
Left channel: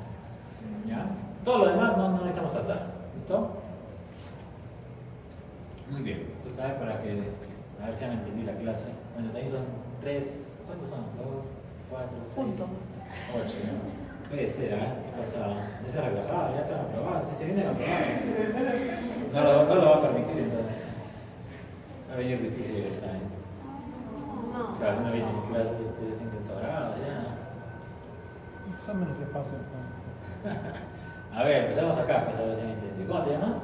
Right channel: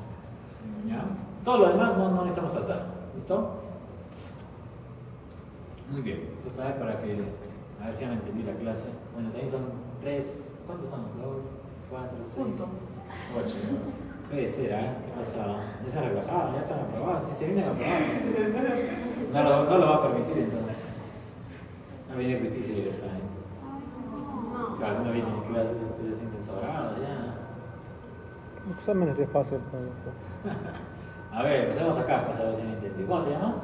¿Ya? Todo lo demás no necesitamos tratar. ¿Listo? Muy bien. Entonces, ¿sabes? Para que. A ver si ya me entendí la clase. Bueno, también son 3. ¿Cuántos son? 2, 4, 6, 8. Puede ser, ¿eh? ¿Qué pasa? Ya se relajaba, ya están aprobados. Si se sienten aprobados. No lo va a permitir entonces. Va a venir difícil el examen. No. Claro, si no vienen en clase, se sienten sobrados ya. Exámenes de fácil. A ver, empezamos acá, pues a ver si me entendí. ¿Cómo te llamas?